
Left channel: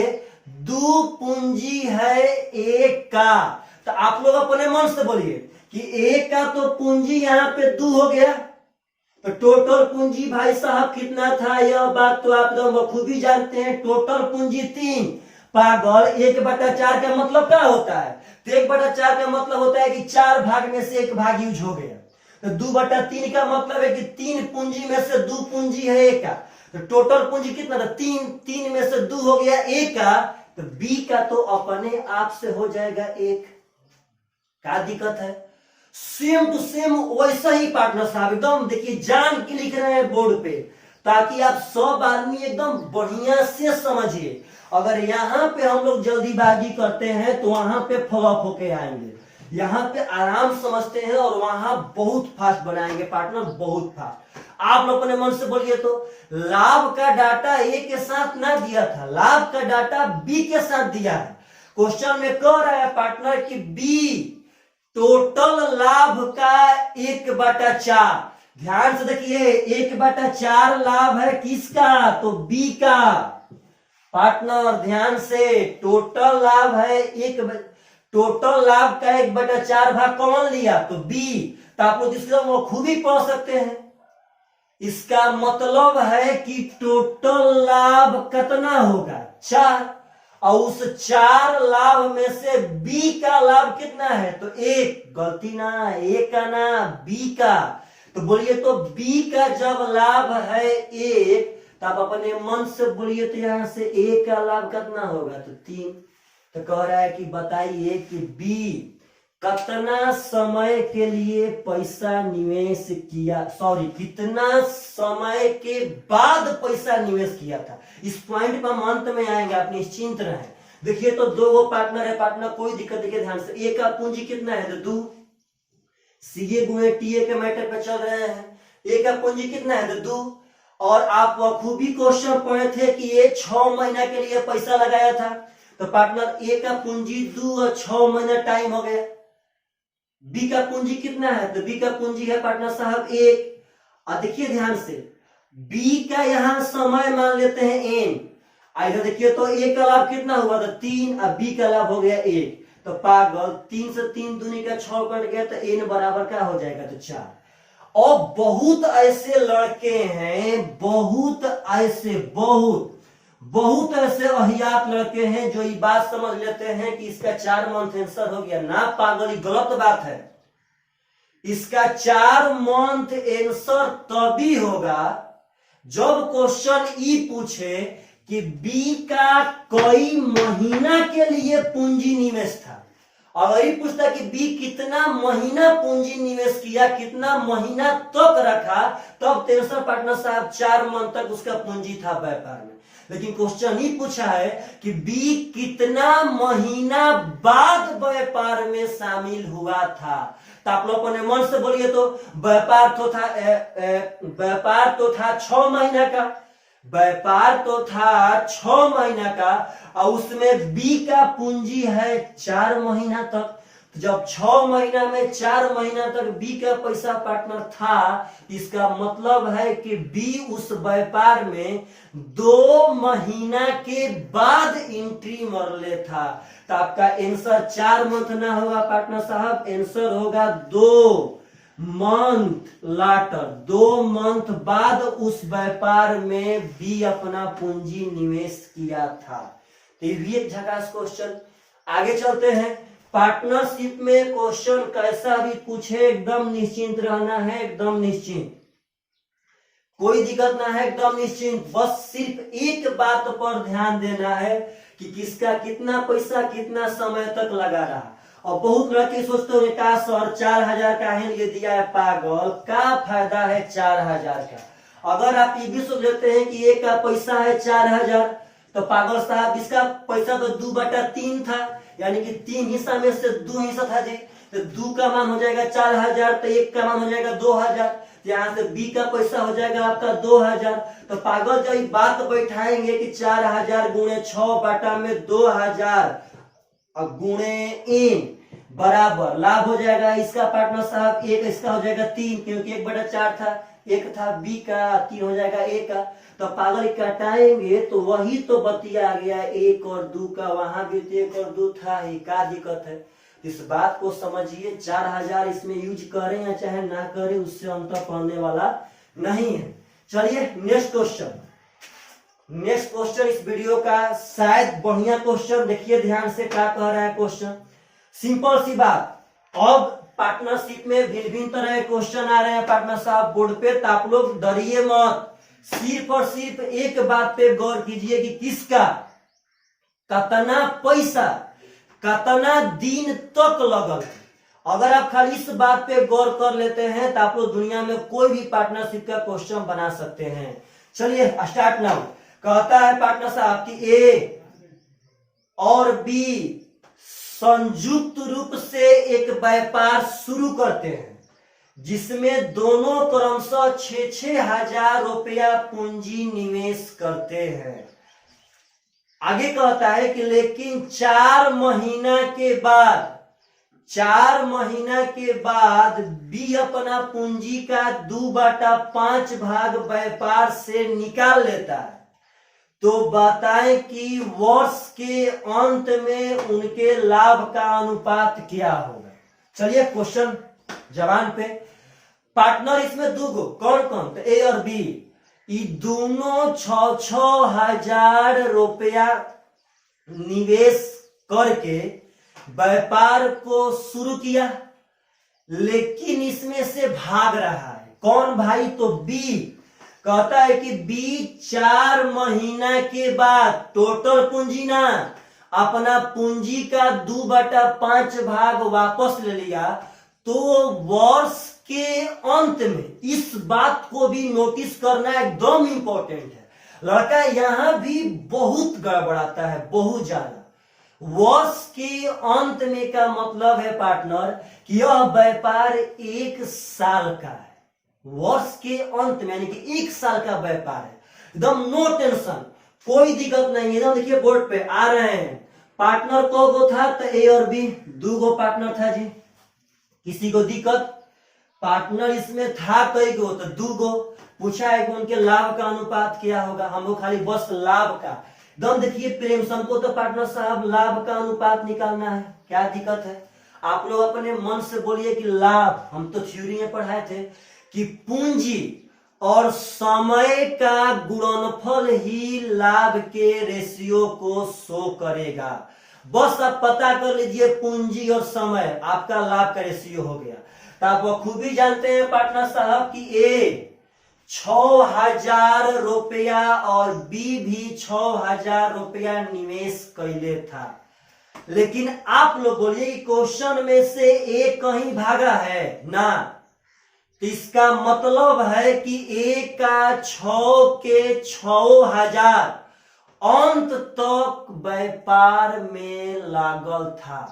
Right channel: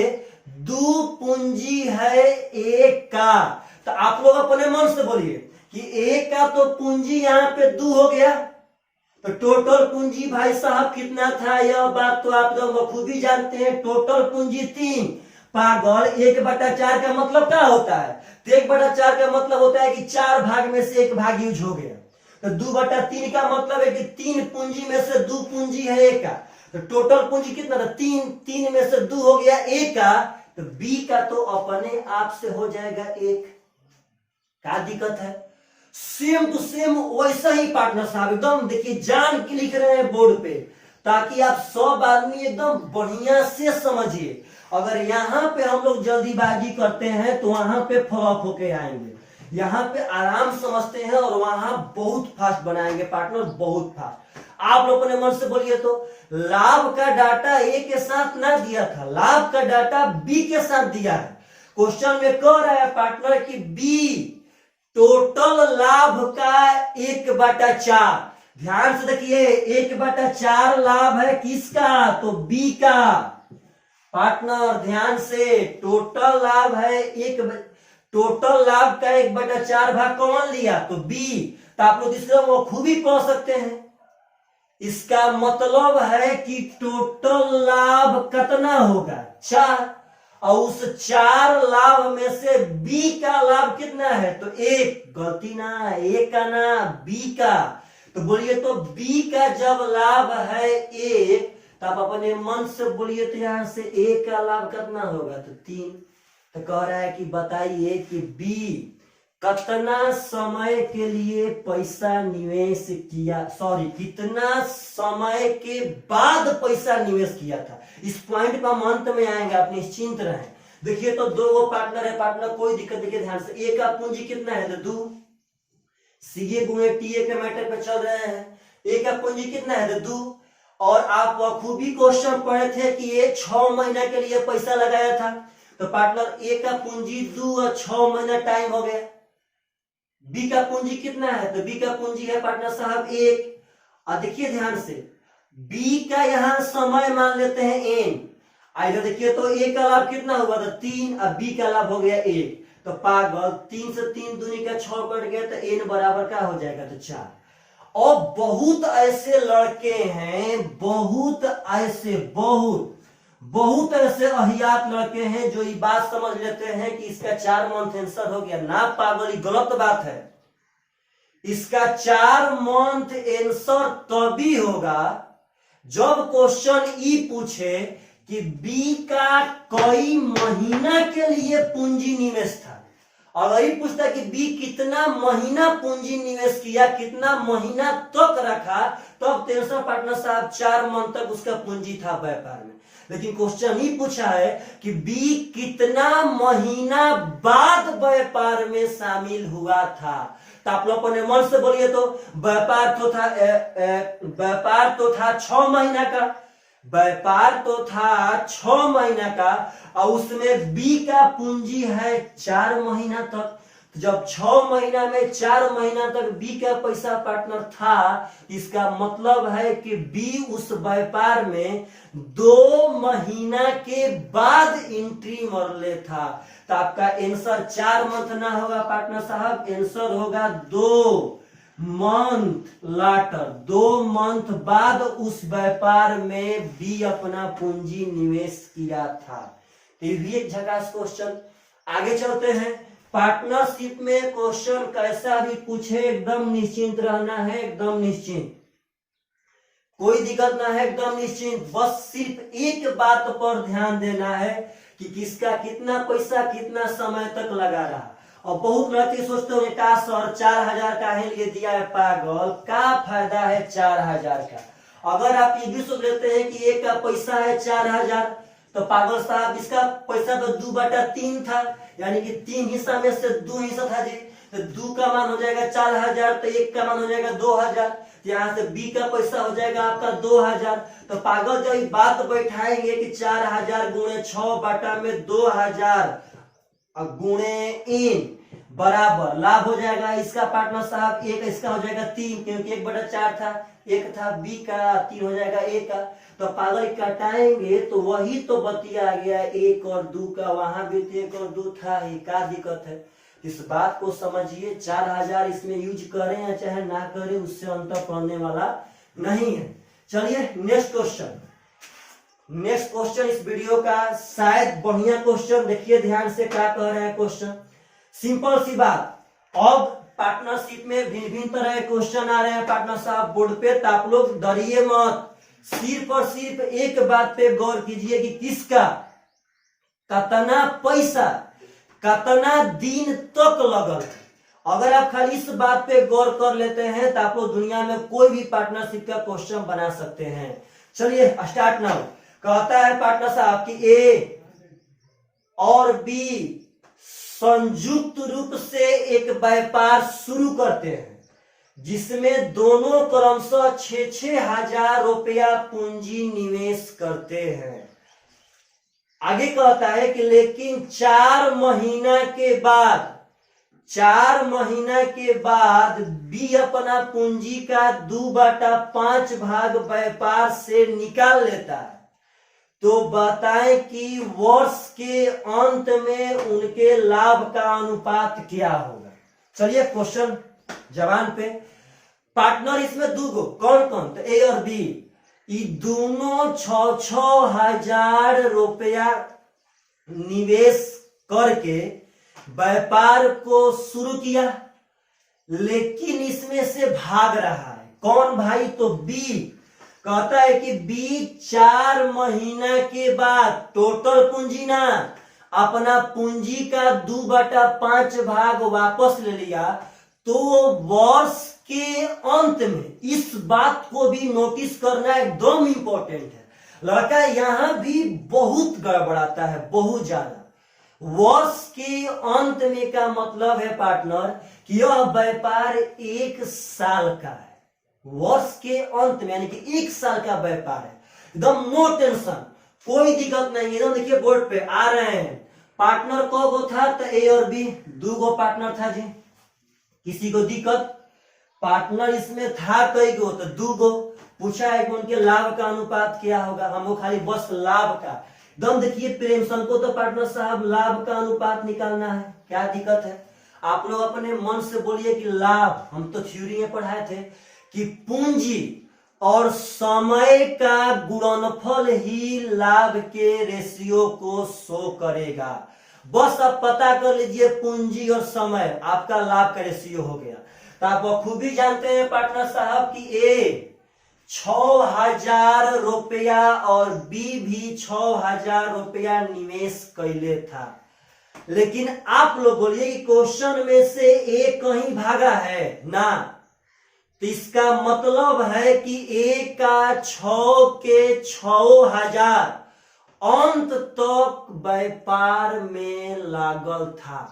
2 पूंजी है ए का। तो आप लोग अपने मन से बोलिए कि ए का तो पूंजी यहाँ पे 2 हो गया, तो टोटल पूंजी भाई साहब कितना था? यह बात तो आप लोग बखूबी जानते हैं। टोटल पूंजी 3। पागल, 1/4 का मतलब क्या होता है? तो 1/4 का मतलब होता है कि 4 भाग में से 1 भाग यूज हो गया। तो 2/3 का मतलब है कि 3 पूंजी में से 2 पूंजी है ए का। तो टोटल पूंजी कितना था? 3 में से 2 हो गया ए का, तो बी का तो अपने आप से हो जाएगा 1। क्या दिक्कत है? सेम टू सेम वैसा ही पार्टनर साहब, एकदम देखिए जान के लिख रहे हैं बोर्ड पे, ताकि आप सब आदमी एकदम बढ़िया से समझिए। अगर यहाँ पे हम लोग जल्दीबाजी करते हैं तो वहां पे फ्लॉप होके आएंगे। यहाँ पे आराम समझते हैं और वहां बहुत फास्ट बनाएंगे पार्टनर, बहुत फास्ट। आप लोग अपने मन से बोलिए तो, लाभ का डाटा ए के साथ ना दिया था, लाभ का डाटा बी के साथ दिया है। क्वेश्चन में कह रहा है पार्टनर कि बी टोटल लाभ का 1/4। ध्यान से देखिए, 1/4 लाभ है किसका? तो बी का। पार्टनर ध्यान से, टोटल लाभ है टोटल लाभ का 1/4 भाग कौन लिया? तो बी। तो आप लोग इसका वो खूब ही पढ़ सकते हैं। इसका मतलब है कि टोटल लाभ कितना होगा? 4, और उस 4 लाभ में से बी का लाभ कितना है, तो एक, गलती ना, ए का ना, बी का। तो बोलिए तो बी का जब लाभ है एक, तो आप अपने मन से बोलिए तो यहां से ए का लाभ कितना होगा, तो 3। तो कह रहा है कि बताइए कि बी कितना समय के लिए पैसा निवेश किया, सॉरी कितना समय के बाद पैसा निवेश किया था। इस पॉइंट पर हम अंत में आएंगे, आप निश्चिंत रहें। देखिए तो 2 पार्टनर है, पार्टनर कोई दिक्कत, देखिए ध्यान से, ए का पूंजी कितना है, तो 2, सीए गुणे टीए के मैटर पे चल रहे हैं। ए का पूंजी कितना है, तो 2। और आप खूबी क्वेश्चन पढ़े थे कि ये 6 महीना के लिए पैसा लगाया था, तो पार्टनर ए का पूंजी 2 और 6 महीना टाइम हो गया। बी का पूंजी कितना है, तो बी का पूंजी है पार्टनर साहब 1। और देखिए ध्यान से, बी का यहां समय मान लेते हैं एन। इधर देखिए तो ए का लाभ कितना हुआ, तो 3, और बी का लाभ हो गया 1। तो पागल 3 से 3 दूनी का 6 कट गया, तो एन बराबर क्या हो जाएगा, तो 4। और बहुत ऐसे लड़के हैं, बहुत ऐसे अहियात लड़के हैं जो ये बात समझ लेते हैं कि इसका 4 मंथ आंसर हो गया। ना पागल, ये गलत बात है। इसका 4 मंथ आंसर तभी होगा जब क्वेश्चन ई पूछे कि बी का कई महीना के लिए पूंजी निवेश था। अगर ये पूछता कि बी कितना महीना पूंजी निवेश किया, कितना महीना तक रखा, तब टेंशन पार्टनर साहब 4 मंथ तक उसका पूंजी था व्यापार में। लेकिन क्वेश्चन ही पूछा है कि बी कितना महीना बाद व्यापार में शामिल हुआ था। तो आप लोग अपने मन से बोलिए तो व्यापार तो था 6 महीना का, व्यापार तो था 6 महीना का, और उसमें बी का पूंजी है 4 महीना तक। तो जब 6 महीना में 4 महीना तक बी का पैसा पार्टनर था, इसका मतलब है कि बी उस व्यापार में 2 महीना के बाद एंट्री मर ले था। तो आपका आंसर 4 मंथ ना होगा पार्टनर साहब, आंसर होगा 2 मंथ लाटर। 2 मंथ बाद उस व्यापार में भी अपना पूंजी निवेश किया था। तो ये भी एक झकास क्वेश्चन। आगे चलते हैं। पार्टनरशिप में क्वेश्चन कैसा भी पूछे एकदम निश्चिंत रहना है, एकदम निश्चिंत, कोई दिक्कत ना है, एकदम निश्चिंत। बस सिर्फ एक बात पर ध्यान देना है कि किसका कितना पैसा कितना समय तक लगा रहा। और बहुत लड़के सोचते होंगे का सर 4000 का है ये दिया है, पागल, का फायदा है 4000 का। अगर आप ये भी सोच लेते हैं कि एक का पैसा है 4000, तो पागल साहब इसका पैसा तो 2/3 था, यानी कि 3 हिस्सा में से 2 हिस्सा था जी। तो 2 का मान हो जाएगा 4000, तो 1 का मान हो जाएगा 2000। यहाँ से बी का पैसा हो जाएगा आपका 2000। तो पागल जब बात बैठाएंगे कि 4000 गुणे 6/2000 गुणे एन बराबर लाभ हो जाएगा इसका पार्टनर साहब 1, इसका हो जाएगा 3, क्योंकि 1/4 था, 1 था बी का, 3 हो जाएगा ए का। तो पागल कटाएंगे तो वही तो बतिया गया 1 और 2 का, वहां भी 1 और 2 था ही, क्या दिक्कत है। इस बात को समझिए, 4000 इसमें यूज करें या चाहे ना करें उससे अंतर पड़ने वाला नहीं है। चलिए नेक्स्ट क्वेश्चन। नेक्स्ट क्वेश्चन इस वीडियो का शायद बढ़िया क्वेश्चन, देखिए ध्यान से क्या कह रहा है क्वेश्चन। सिंपल सी बात, अब पार्टनरशिप में भिन्न भिन्न तरह के क्वेश्चन आ रहे हैं पार्टनर साहब बोर्ड पे, तो आप लोग डरिए मत, सिर्फ और सिर्फ एक बात पे गौर कीजिए कि किसका कितना पैसा कितना दिन तक लगल। अगर आप खाली इस बात पे गौर कर लेते हैं तो आप लोग दुनिया में कोई भी पार्टनरशिप का क्वेश्चन बना सकते हैं। चलिए स्टार्ट नाउ। कहता है पार्टनर साहब कि ए और बी संयुक्त रूप से एक व्यापार शुरू करते हैं जिसमें दोनों क्रमशः 6-6 हजार रुपया पूंजी निवेश करते हैं। आगे कहता है कि लेकिन 4 महीना के बाद बी अपना पूंजी का 2/5 भाग व्यापार से निकाल लेता है, तो बताएं कि वर्ष के अंत में उनके लाभ का अनुपात क्या होगा। चलिए क्वेश्चन जवान पे। पार्टनर इसमें 2 गो, कौन कौन, तो ए और बी, ये दोनों 6-6 हजार रुपया निवेश करके व्यापार को शुरू किया, लेकिन इसमें से भाग रहा है कौन भाई? तो बी कहता है कि बी 4 महीना के बाद टोटल पूंजी ना, अपना पूंजी का 2/5 भाग वापस ले लिया। तो वर्ष के अंत में इस बात को भी नोटिस करना एकदम इंपॉर्टेंट है। लड़का यहां भी बहुत गड़बड़ाता है, बहुत ज्यादा। वर्ष के अंत में का मतलब है पार्टनर कि यह व्यापार 1 साल का है। वर्ष के अंत में यानी कि 1 साल का व्यापार है, एकदम नो टेंशन, कोई दिक्कत नहीं। एकदम देखिए बोर्ड पे आ रहे हैं। पार्टनर को गो था तो ए और बी 2 गो पार्टनर था जी, किसी को दिक्कत? पार्टनर इसमें था कई गो? तो 2 गो। पूछा है कि उनके लाभ का अनुपात क्या होगा, हमको खाली बस लाभ का। दम देखिए प्रेमसन को तो पार्टनर साहब लाभ का अनुपात निकालना है, क्या दिक्कत है? आप लोग अपने मन से बोलिए कि लाभ, हम तो थ्योरी में पढ़ाए थे कि पूंजी और समय का गुणनफल ही लाभ के रेशियो को शो करेगा। बस आप पता कर लीजिए पूंजी और समय, आपका लाभ का रेशियो हो गया। तो आप खूब ही जानते हैं पार्टनर साहब कि ए 6,000 रुपया और बी भी 6,000 रुपया निवेश कैले था। लेकिन आप लोग बोलिए कि क्वेश्चन में से ए कहीं भागा है ना, तो इसका मतलब है कि ए का 6 के 6,000 अंत तक व्यापार में लागल था।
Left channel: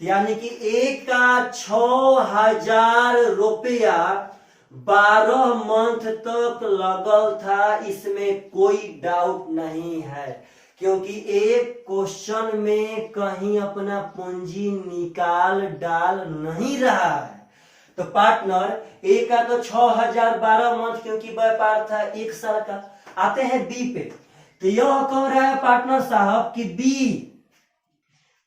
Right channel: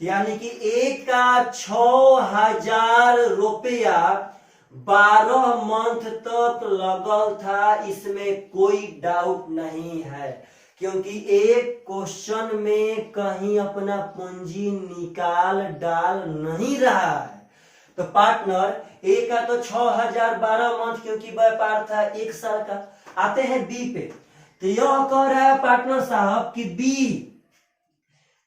यानी कि ए का 6,000 रुपया 12 मंथ तक लगल था, इसमें कोई डाउट नहीं है, क्योंकि एक क्वेश्चन में कहीं अपना पूंजी निकाल डाल नहीं रहा है। तो पार्टनर ए का तो 6,000 12 मंथ क्योंकि व्यापार था 1 साल का। आते हैं बी पे, तो यह कह रहा है पार्टनर साहब कि बी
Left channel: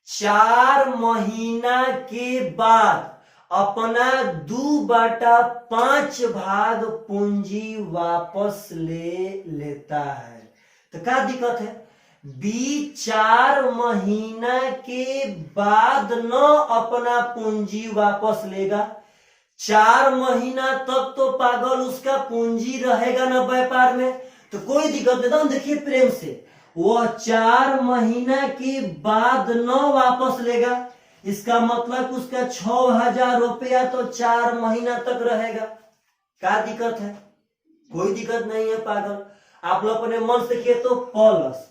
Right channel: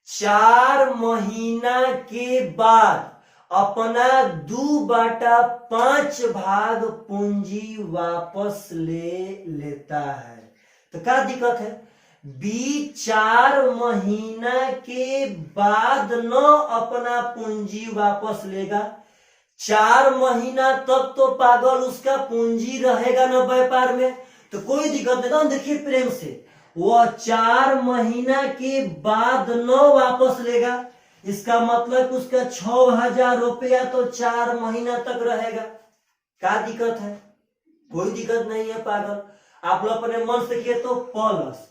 4 महीना के बाद अपना 2/5 भाग पूंजी वापस ले लेता है। तो क्या दिक्कत है? बी 4 महीना के बाद न अपना पूंजी वापस लेगा। 4 महीना तक तो पागल उसका पूंजी रहेगा ना व्यापार में, तो कोई दिक्कत नहीं। देखिए प्रेम से, वह 4 महीना के बाद न वापस लेगा, इसका मतलब उसका 6,000 रुपया तो 4 महीना तक रहेगा। क्या दिक्कत है? कोई दिक्कत नहीं है पागल। आप लोग अपने मन से किए तो प्लस,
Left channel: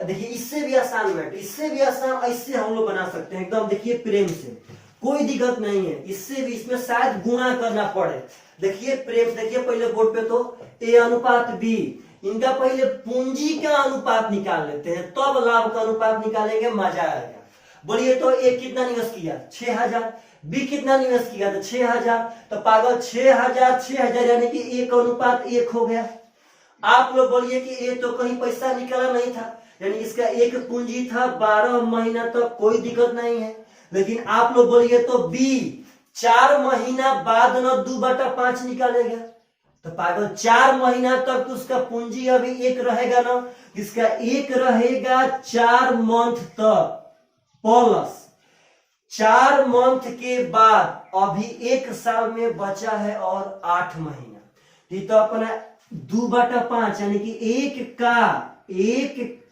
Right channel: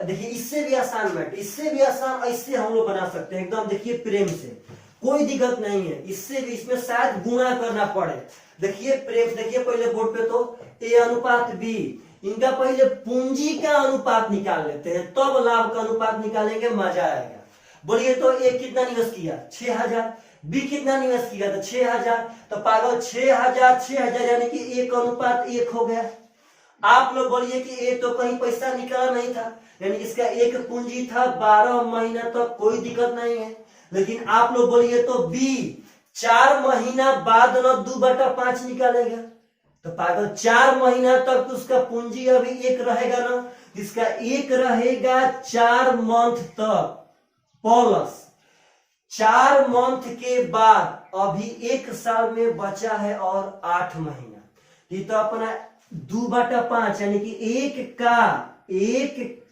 देखिए इससे भी आसान बैठ, इससे भी आसान ऐसे हम लोग बना सकते हैं एकदम। देखिए प्रेम से कोई दिक्कत नहीं है, इससे भी इसमें शायद गुणा करना पड़े। देखिए प्रेम, देखिए पहले बोर्ड पे तो ए अनुपात बी, इनका पहले पूंजी का अनुपात निकाल लेते हैं, तब लाभ का अनुपात निकालेंगे, मजा आएगा। बोलिए तो ए कितना निवेश किया? 6,000। बी कितना निवेश किया? तो 6,000। तो पागल 6,000 यानी कि 1 अनुपात 1 हो गया। आप लोग बोलिए कि ए तो कहीं पैसा निकला नहीं था, यानी इसका 1 पूंजी था 12 महीना तक, कोई दिक्कत नहीं है। लेकिन आप लोग बोलिए तो बी 4 महीना बाद न 2/5 निकालेगा, तो पागल 4 महीना तक उसका पूंजी अभी 1 रहेगा ना, इसका 1 रहेगा 4 मंथ तक, प्लस 4 मंथ के बाद अभी 1 साल में बचा है और 8 महीना। ये तो अपना 2/5 यानी कि 1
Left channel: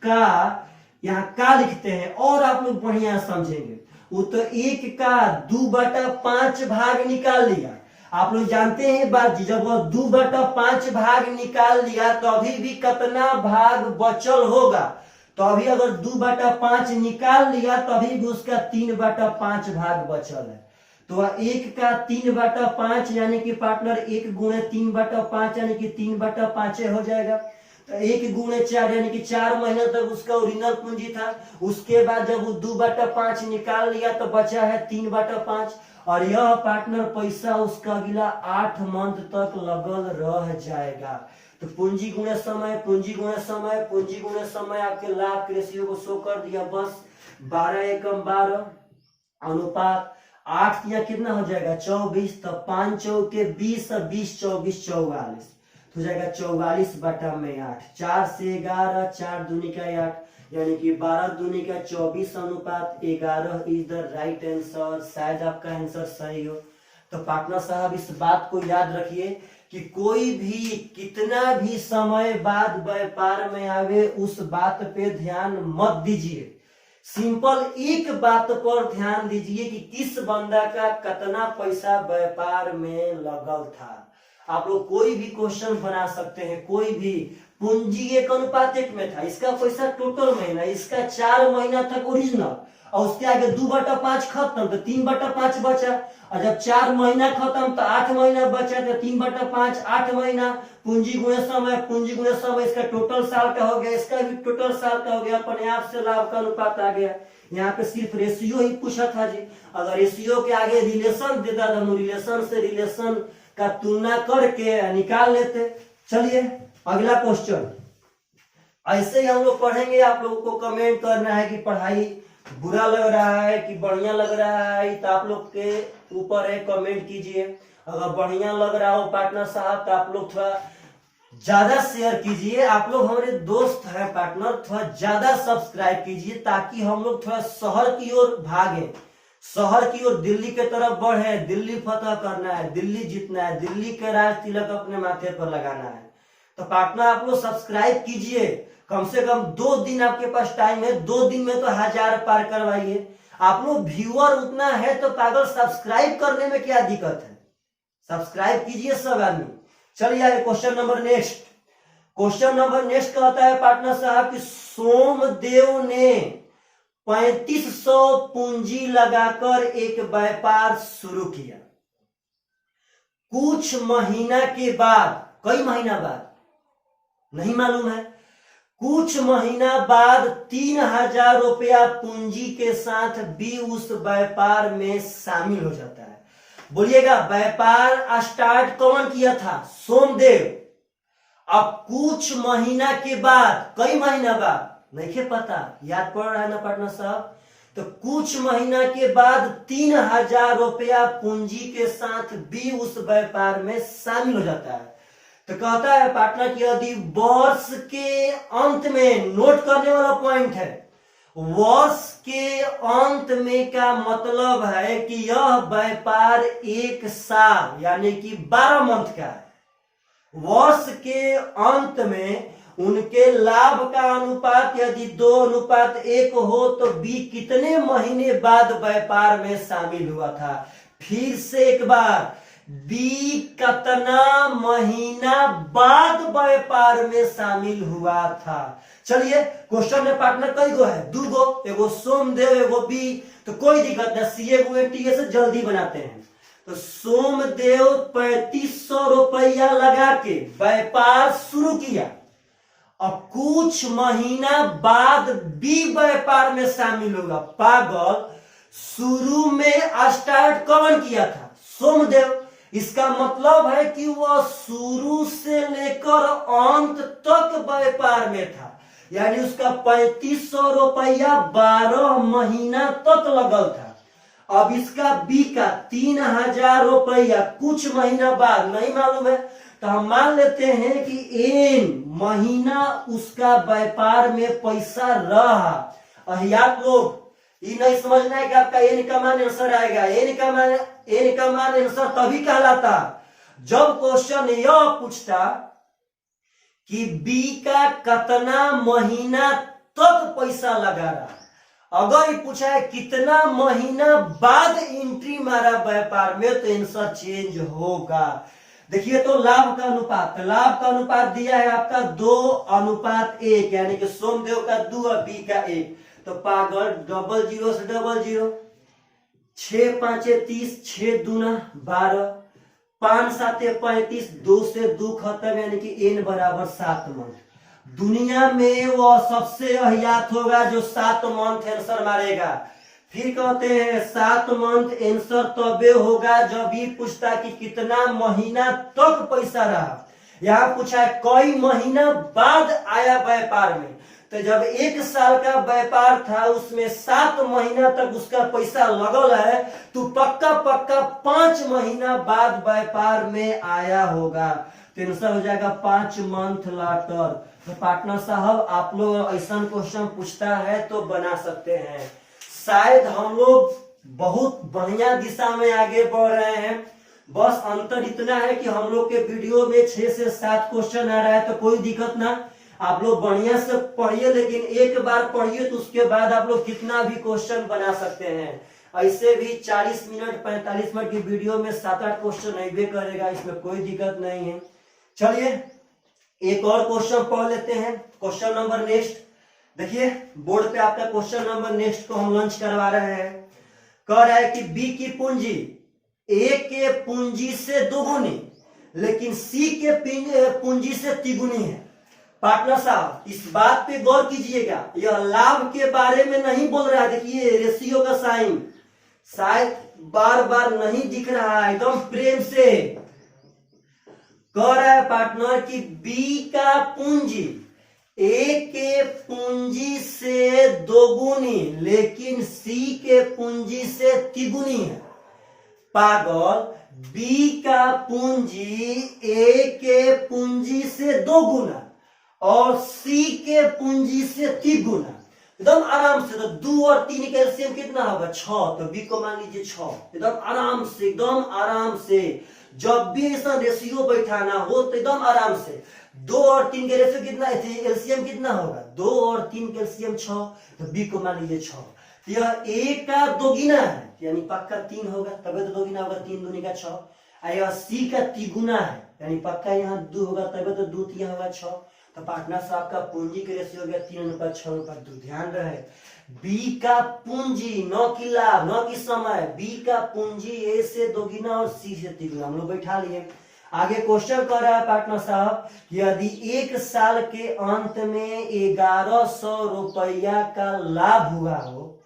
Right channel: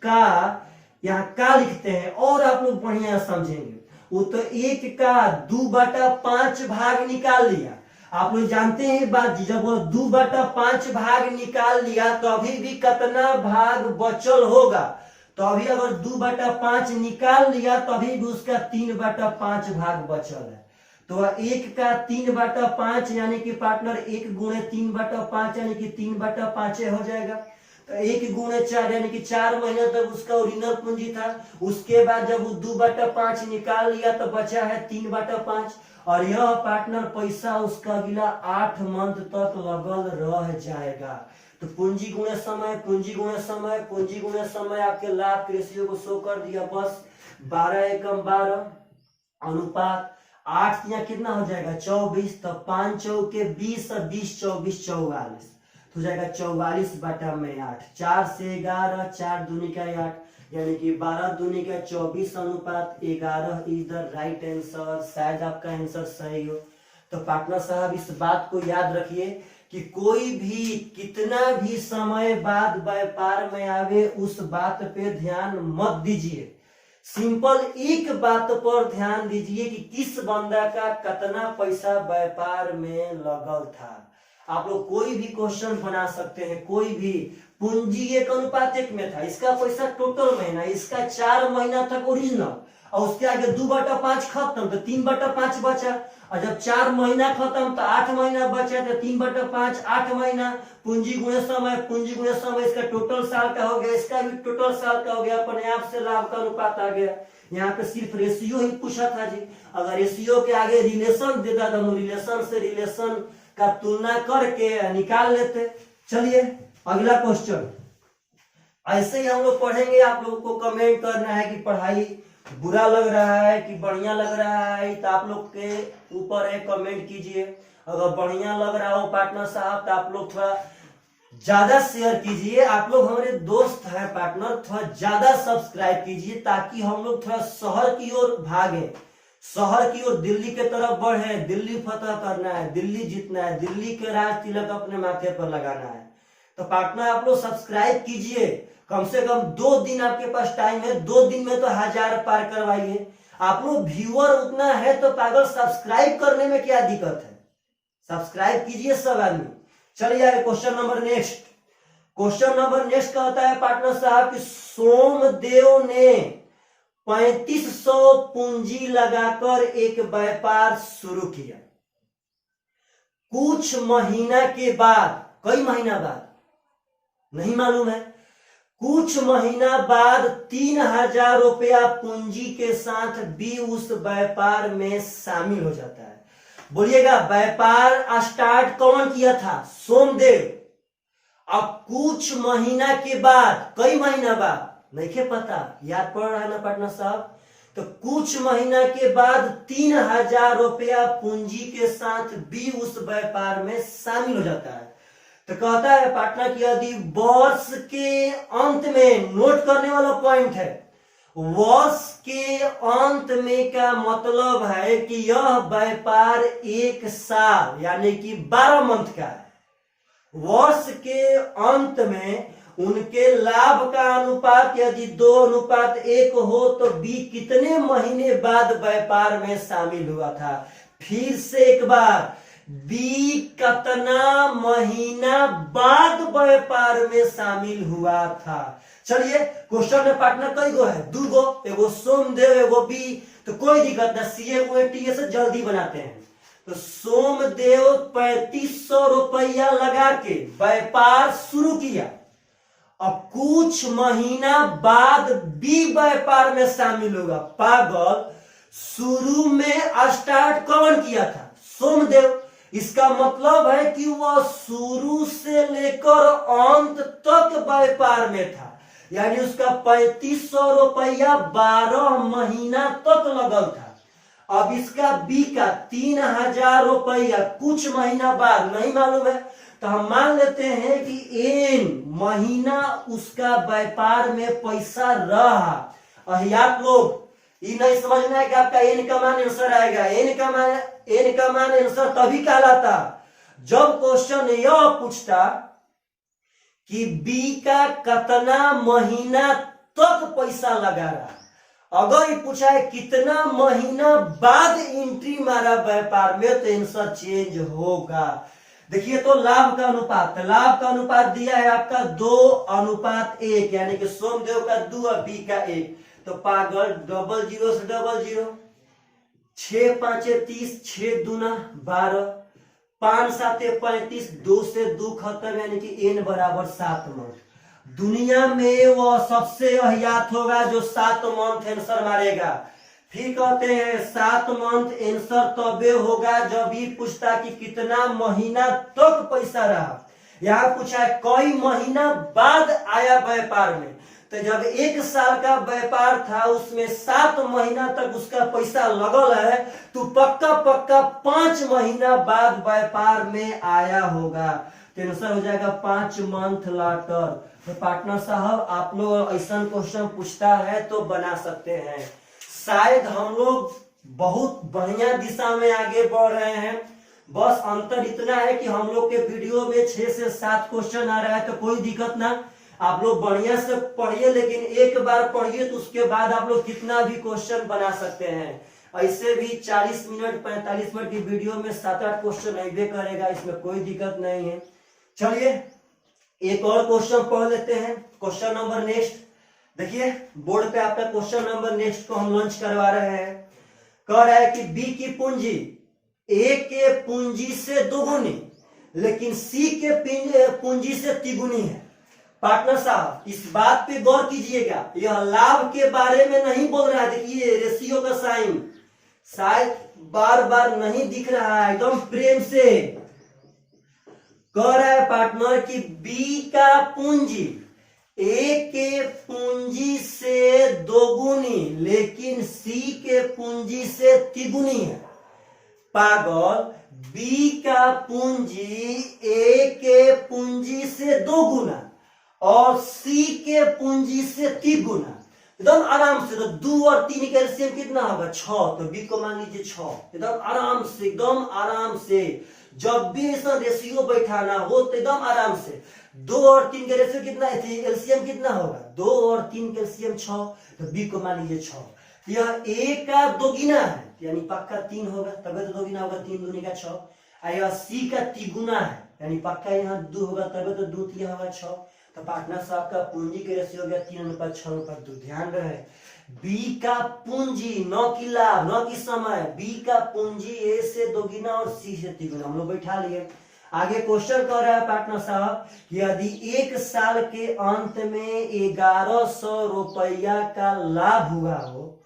का यहाँ का लिखते हैं, और आप लोग बढ़िया समझेंगे। वो तो 1 का 2/5 भाग निकाल लिया। आप लोग जानते हैं बात जी, जब वो 2/5 भाग निकाल लिया तो अभी भी कितना भाग बचल होगा? तो अभी अगर 2/5 निकाल लिया तो अभी भी उसका 3/5 भाग बचल है। तो 1 का 3/5 यानी कि पार्टनर 1 गुणे 3/5 यानी कि 3/5 हो जाएगा। तो 1 गुणे 4 यानी कि 4 महीने तक उसका ओरिजिनल पूंजी था। उसके बाद जब वो 2/5 निकाल लिया तो बचा है 3/5, और यह पार्टनर पैसा उसका अगला 8 मंथ तक लगल रह जाएगा। तो पूंजी गुणे समय, पूंजी गुणे समय, पूंजी गुणे समय आपके लाभ के रेशियो को शो कर दिया। बस 12 एकम 12 अनुपात 8 या कितना हो जाएगा? 24। तो 5 चौके 20 और 20 24 44 हो जाएगा 44/8। 4 से 11, 4 दूनी का 8, यानी कि 12 दूनी का 24:11 इज द राइट आंसर। शायद आपका आंसर सही हो। तो पार्टनर साहब इस बात को याद रखिए कि कोई भी कितना भी समय बाद व्यापार में आवे उस बात पे ध्यान मत दीजिए। सिंपल एक बात पर ध्यान दीजिए कि किस बंदा का कितना पैसा व्यापार में लगल था। आप लोग कोई भी क्वेश्चन बना सकते हैं, कोई भी। पूंजी 1:1 में था, इसका पैसा टोटल महीना, इसका 4 महीना तक ओरिजिनल, और उसके आगे 2/5 खत्म तो 3/5 बचा, और जब 4 महीना खत्म तो 8 महीना बचा, तो 3/5 8 महीना। पूंजी गुणे समय, पूंजी गुणे समय, इसका टोटल साल का हो गया, इसका भी टोटल साल का हो गया। अपने आप से लाभ का अनुपात आ गया। यहाँ पे सिर्फ रेशियो ही पूछा था जी। अगर रेशियो के आगे रिलेशन देता तो हम रिलेशन से रिलेशन का तुलना करके निकाल लेते। चलिए अगला क्वेश्चन। ऐसे ही हम लोग पढ़ेंगे। आप लोगों को कमेंट करना है कि पढ़ाई बुरा लग रहा है कि बढ़िया लग रहा है, तो आप लोग के ऊपर है, कमेंट कीजिए। अगर बढ़िया लग रहा हो पार्टनर साहब तो आप लोग थोड़ा ज्यादा शेयर कीजिए। आप लोग हमारे दोस्त हैं पार्टनर, थोड़ा ज्यादा सब्सक्राइब कीजिए ताकि हम लोग थोड़ा शहर की ओर भागे, शहर की ओर दिल्ली के तरफ बढ़े। दिल्ली फतह करना है, दिल्ली जीतना है, दिल्ली के राज तिलक अपने माथे पर लगाना है। तो पार्टनर आप लोग सब्सक्राइब कीजिए। कम से कम 2 दिन आपके पास टाइम है, 2 दिन में तो 1000 पार करवाइए। आप लोग व्यूअर उतना है तो पागल सब्सक्राइब करने में क्या दिक्कत है? सब्सक्राइब कीजिए सब आदमी। चलिए आगे question number next. Question number next कहता है पार्टनर साहब कि सोमदेव ने 3500 पूंजी लगाकर एक व्यापार शुरू किया। कुछ महीना के बाद, कई महीना बाद नहीं मालूम है, कुछ महीना बाद 3000 रुपया पूंजी के साथ भी उस व्यापार में शामिल हो जाता है। बोलिएगा व्यापार स्टार्ट कौन किया था? सोमदेव। अब कुछ महीना के बाद, कई महीना बाद नहीं पता, याद पड़ रहा है ना पार्टनर साहब? तो कुछ महीना के बाद 3000 रुपया पूंजी के साथ भी उस व्यापार में शामिल हो जाता है। तो कहता है पार्टनर कि यदि वर्ष के अंत में, नोट करने वाला पॉइंट है, वर्ष के अंत में का मतलब है कि यह व्यापार 1 साल यानी कि 12 मंथ का है। वर्ष के अंत में उनके लाभ का अनुपात यदि 2:1 हो तो बी कितने महीने बाद व्यापार में शामिल हुआ था? फिर से एक बार, बी कितना महीना बाद व्यापार में शामिल हुआ था? चलिए क्वेश्चन में पार्टनर कई गो है? 2 गो, एगो सोमदेव एगो बी। तो कोई दिक्कत नहीं, सीए को टीए से जल्दी बनाते हैं। तो सोमदेव 3500 रुपया लगा के व्यापार शुरू किया। अब कुछ महीना बाद बी व्यापार में शामिल होगा। पागल, शुरू में स्टार्ट कौन किया था? सोमदेव। इसका मतलब है कि वह शुरू से लेकर अंत तक व्यापार में था, यानी उसका 3500 रुपया 12 महीना तक लगल था। अब इसका बी का 3000 रुपया कुछ महीना बाद नहीं मालूम है, तो हम मान लेते हैं कि एन महीना उसका व्यापार में पैसा रहा। अहियात लोग ये नहीं समझना है कि आपका एन का मान आंसर आएगा। एन का मान आंसर तभी कहलाता जब क्वेश्चन यह पूछता कि बी का कितना महीना तक पैसा लगा रहा। अगर ये पूछा है कितना महीना बाद एंट्री मारा व्यापार में, तो आंसर चेंज होगा। देखिए तो लाभ का अनुपात, लाभ का अनुपात दिया है आपका 2:1, यानी कि सोमदेव का 2 और बी का 1। तो पागल, 00 से 00, 6 5 30, 6 दूना 12, 5 7 35, 2 से 2 खत्म, यानी कि n बराबर 7 मंथ। दुनिया में वह सबसे अहियात होगा जो 7 मंथ आंसर मारेगा। फिर कहते हैं 7 मंथ आंसर तबे होगा जब ये पूछता कि कितना महीना तक पैसा रहा। यहाँ पूछा है कई महीना बाद आया व्यापार में, तो जब 1 साल का व्यापार था उसमें 7 महीना तक उसका पैसा लगल है, तो पक्का 5 महीना बाद व्यापार में आया होगा। तो आंसर हो जाएगा 5 मंथ लाटर। तो पार्टनर साहब आप लोग ऐसा क्वेश्चन पूछता है तो बना सकते हैं। शायद हम लोग बहुत बढ़िया दिशा में आगे बढ़ रहे हैं। बस अंतर इतना है कि हम लोग के वीडियो में 6 से 7 क्वेश्चन आ रहा है, तो कोई दिक्कत ना, आप लोग बढ़िया से पढ़िए, लेकिन एक बार पढ़िए तो उसके बाद आप लोग कितना भी क्वेश्चन बना सकते हैं। ऐसे भी 40 मिनट 45 मिनट की वीडियो में 7-8 क्वेश्चन अबे करेगा, इसमें कोई दिक्कत नहीं है। चलिए एक और क्वेश्चन पढ़ लेते हैं। क्वेश्चन नंबर नेक्स्ट देखिए, बोर्ड पे आपका क्वेश्चन नंबर नेक्स्ट को हम लॉन्च करवा रहे हैं। कह रहा है कि बी की पूंजी ए के पूंजी से दोगुनी लेकिन सी के पूंजी से तिगुनी है। पार्टनर साहब इस बात पे गौर कीजिएगा, यह लाभ के बारे में नहीं बोल रहा है। देखिए रेशियो का साइन शायद बार बार नहीं दिख रहा है, एकदम प्रेम से कह रहा है पार्टनर कि बी का पूंजी ए के पूंजी से दोगुनी लेकिन सी के पूंजी से तिगुनी है। पागल, बी का पूंजी ए के पूंजी से 2 गुना और सी के पूंजी से 3 गुना। एकदम आराम से, तो 2 और 3 का एलसीएम कितना होगा 6, तो बी को मान लीजिए 6। एकदम आराम से, एकदम आराम से, जब भी ऐसा रेशियो बैठाना हो तो एकदम आराम से 2 और 3 का रेशियो कितना, एलसीएम कितना होगा 2 और 3 का एलसीएम 6, तो बी को मान लीजिए 6। यह ए का दोगुना है यानी पक्का 3 होगा, तभी तो दोगुना होगा, 3 दूनी का 6। यह सी का तिगुना है यानी पक्का यहाँ 2 होगा, तभी तो 2 3 होगा 6। तो पार्टनर साहब का पूंजी के रेशियो हो गया 3:6:2। ध्यान रहे बी का पूंजी, न की लाभ न की समय, बी का पूंजी ए से दोगुना और सी से तिगुना, हम लोग बैठा लिए। आगे क्वेश्चन कर रहा है पार्टनर साहब कि यदि 1 साल के अंत में 1100 रुपया का लाभ हुआ हो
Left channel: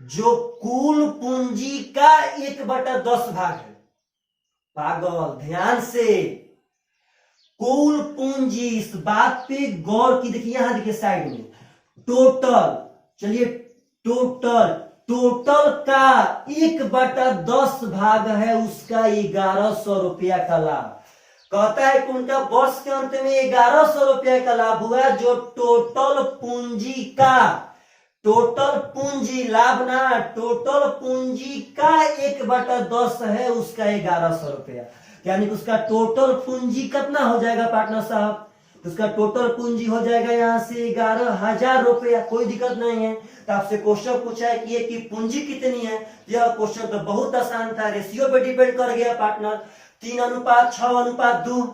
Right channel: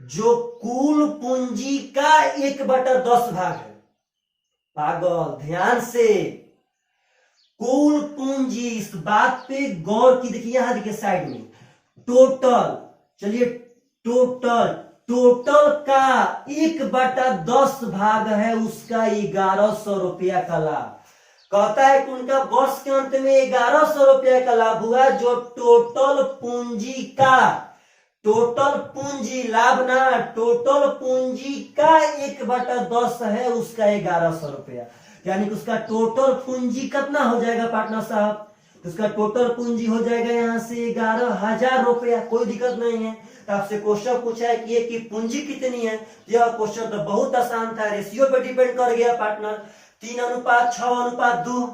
जो कुल पूंजी का 1/10 भाग है। पागल, ध्यान से, कुल पूंजी, इस बात पे गौर की। देखिए यहां देखिए साइड में टोटल, चलिए टोटल का 1/10 भाग है उसका 1100 रुपया का लाभ। कहता है कि उनका वर्ष के अंत में 1100 रुपया का लाभ हुआ जो टोटल पूंजी का, टोटल पूंजी लाभ ना, टोटल पूंजी का 1/10 है उसका 1100 रुपया, यानी कि उसका टोटल पूंजी कितना हो जाएगा पार्टनर साहब, उसका टोटल पूंजी हो जाएगा यहाँ से 11,000 रुपया। कोई दिक्कत नहीं है। तो आपसे क्वेश्चन पूछा है कि ये की पूंजी कितनी है, यह क्वेश्चन तो बहुत आसान था, रेशियो पे डिपेंड कर गया पार्टनर। 3:6:2,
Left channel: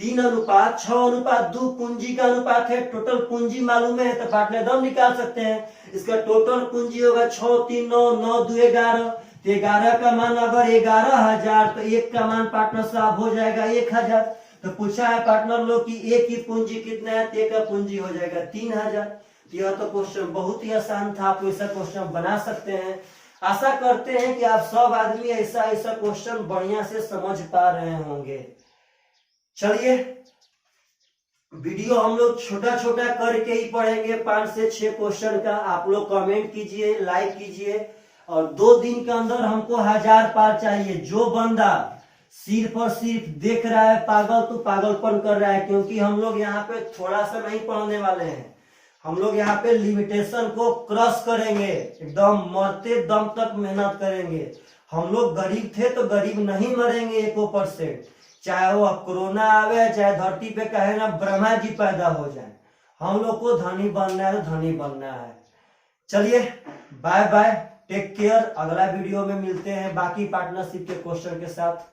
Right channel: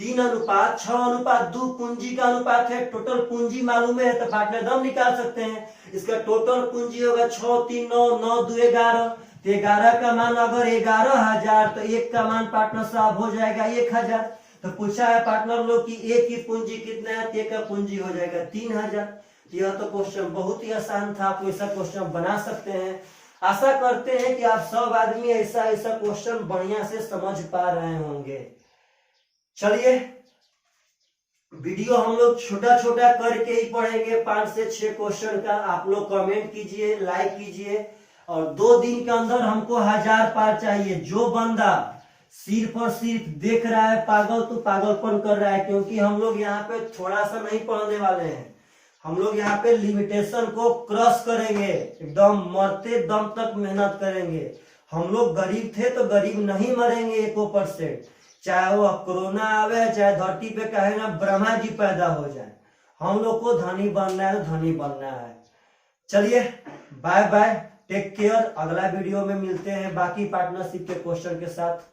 3:6:2 पूंजी का अनुपात है। टोटल पूंजी मालूम है तो पार्टनर दम निकाल सकते हैं। इसका टोटल पूंजी होगा 6 3 9 9 2 11। 11 का मान अगर 11,000 तो 1 का मान पार्टनर साहब हो जाएगा 1,000। तो पूछा है पार्टनर लोग कि ए की पूंजी कितना है, तो ए का पूंजी हो जाएगा 3,000। यह तो क्वेश्चन बहुत ही आसान था, आप ऐसा क्वेश्चन बना सकते हैं। आशा करते हैं कि आप सब आदमी ऐसा क्वेश्चन बढ़िया से समझ पा रहे होंगे। चलिए वीडियो हम लोग छोटा छोटा करके ही पढ़ेंगे, 5 से 6 क्वेश्चन का। आप लोग कमेंट कीजिए, लाइक कीजिए, और 2 दिन के अंदर हमको 1000 पार चाहिए। जो बंदा सिर्फ और सिर्फ देख रहा है पागल तो पागलपन कर रहा है, क्योंकि हम लोग यहाँ पे थोड़ा सा नहीं पढ़ने वाले हैं, हम लोग यहाँ पे लिमिटेशन को क्रॉस करेंगे, एकदम मरते दम तक मेहनत करेंगे। हम लोग गरीब थे तो गरीब नहीं मरेंगे 1%, चाहे वो कोरोना आवे, चाहे धरती पे कहे ना ब्रह्मा जी पैदा हो जाए, हम लोग को धनी बनना है तो धनी बनना है। चलिए बाय बाय, टेक केयर। अगला वीडियो में मिलते हैं बाकी पार्टनरशिप के क्वेश्चन के साथ।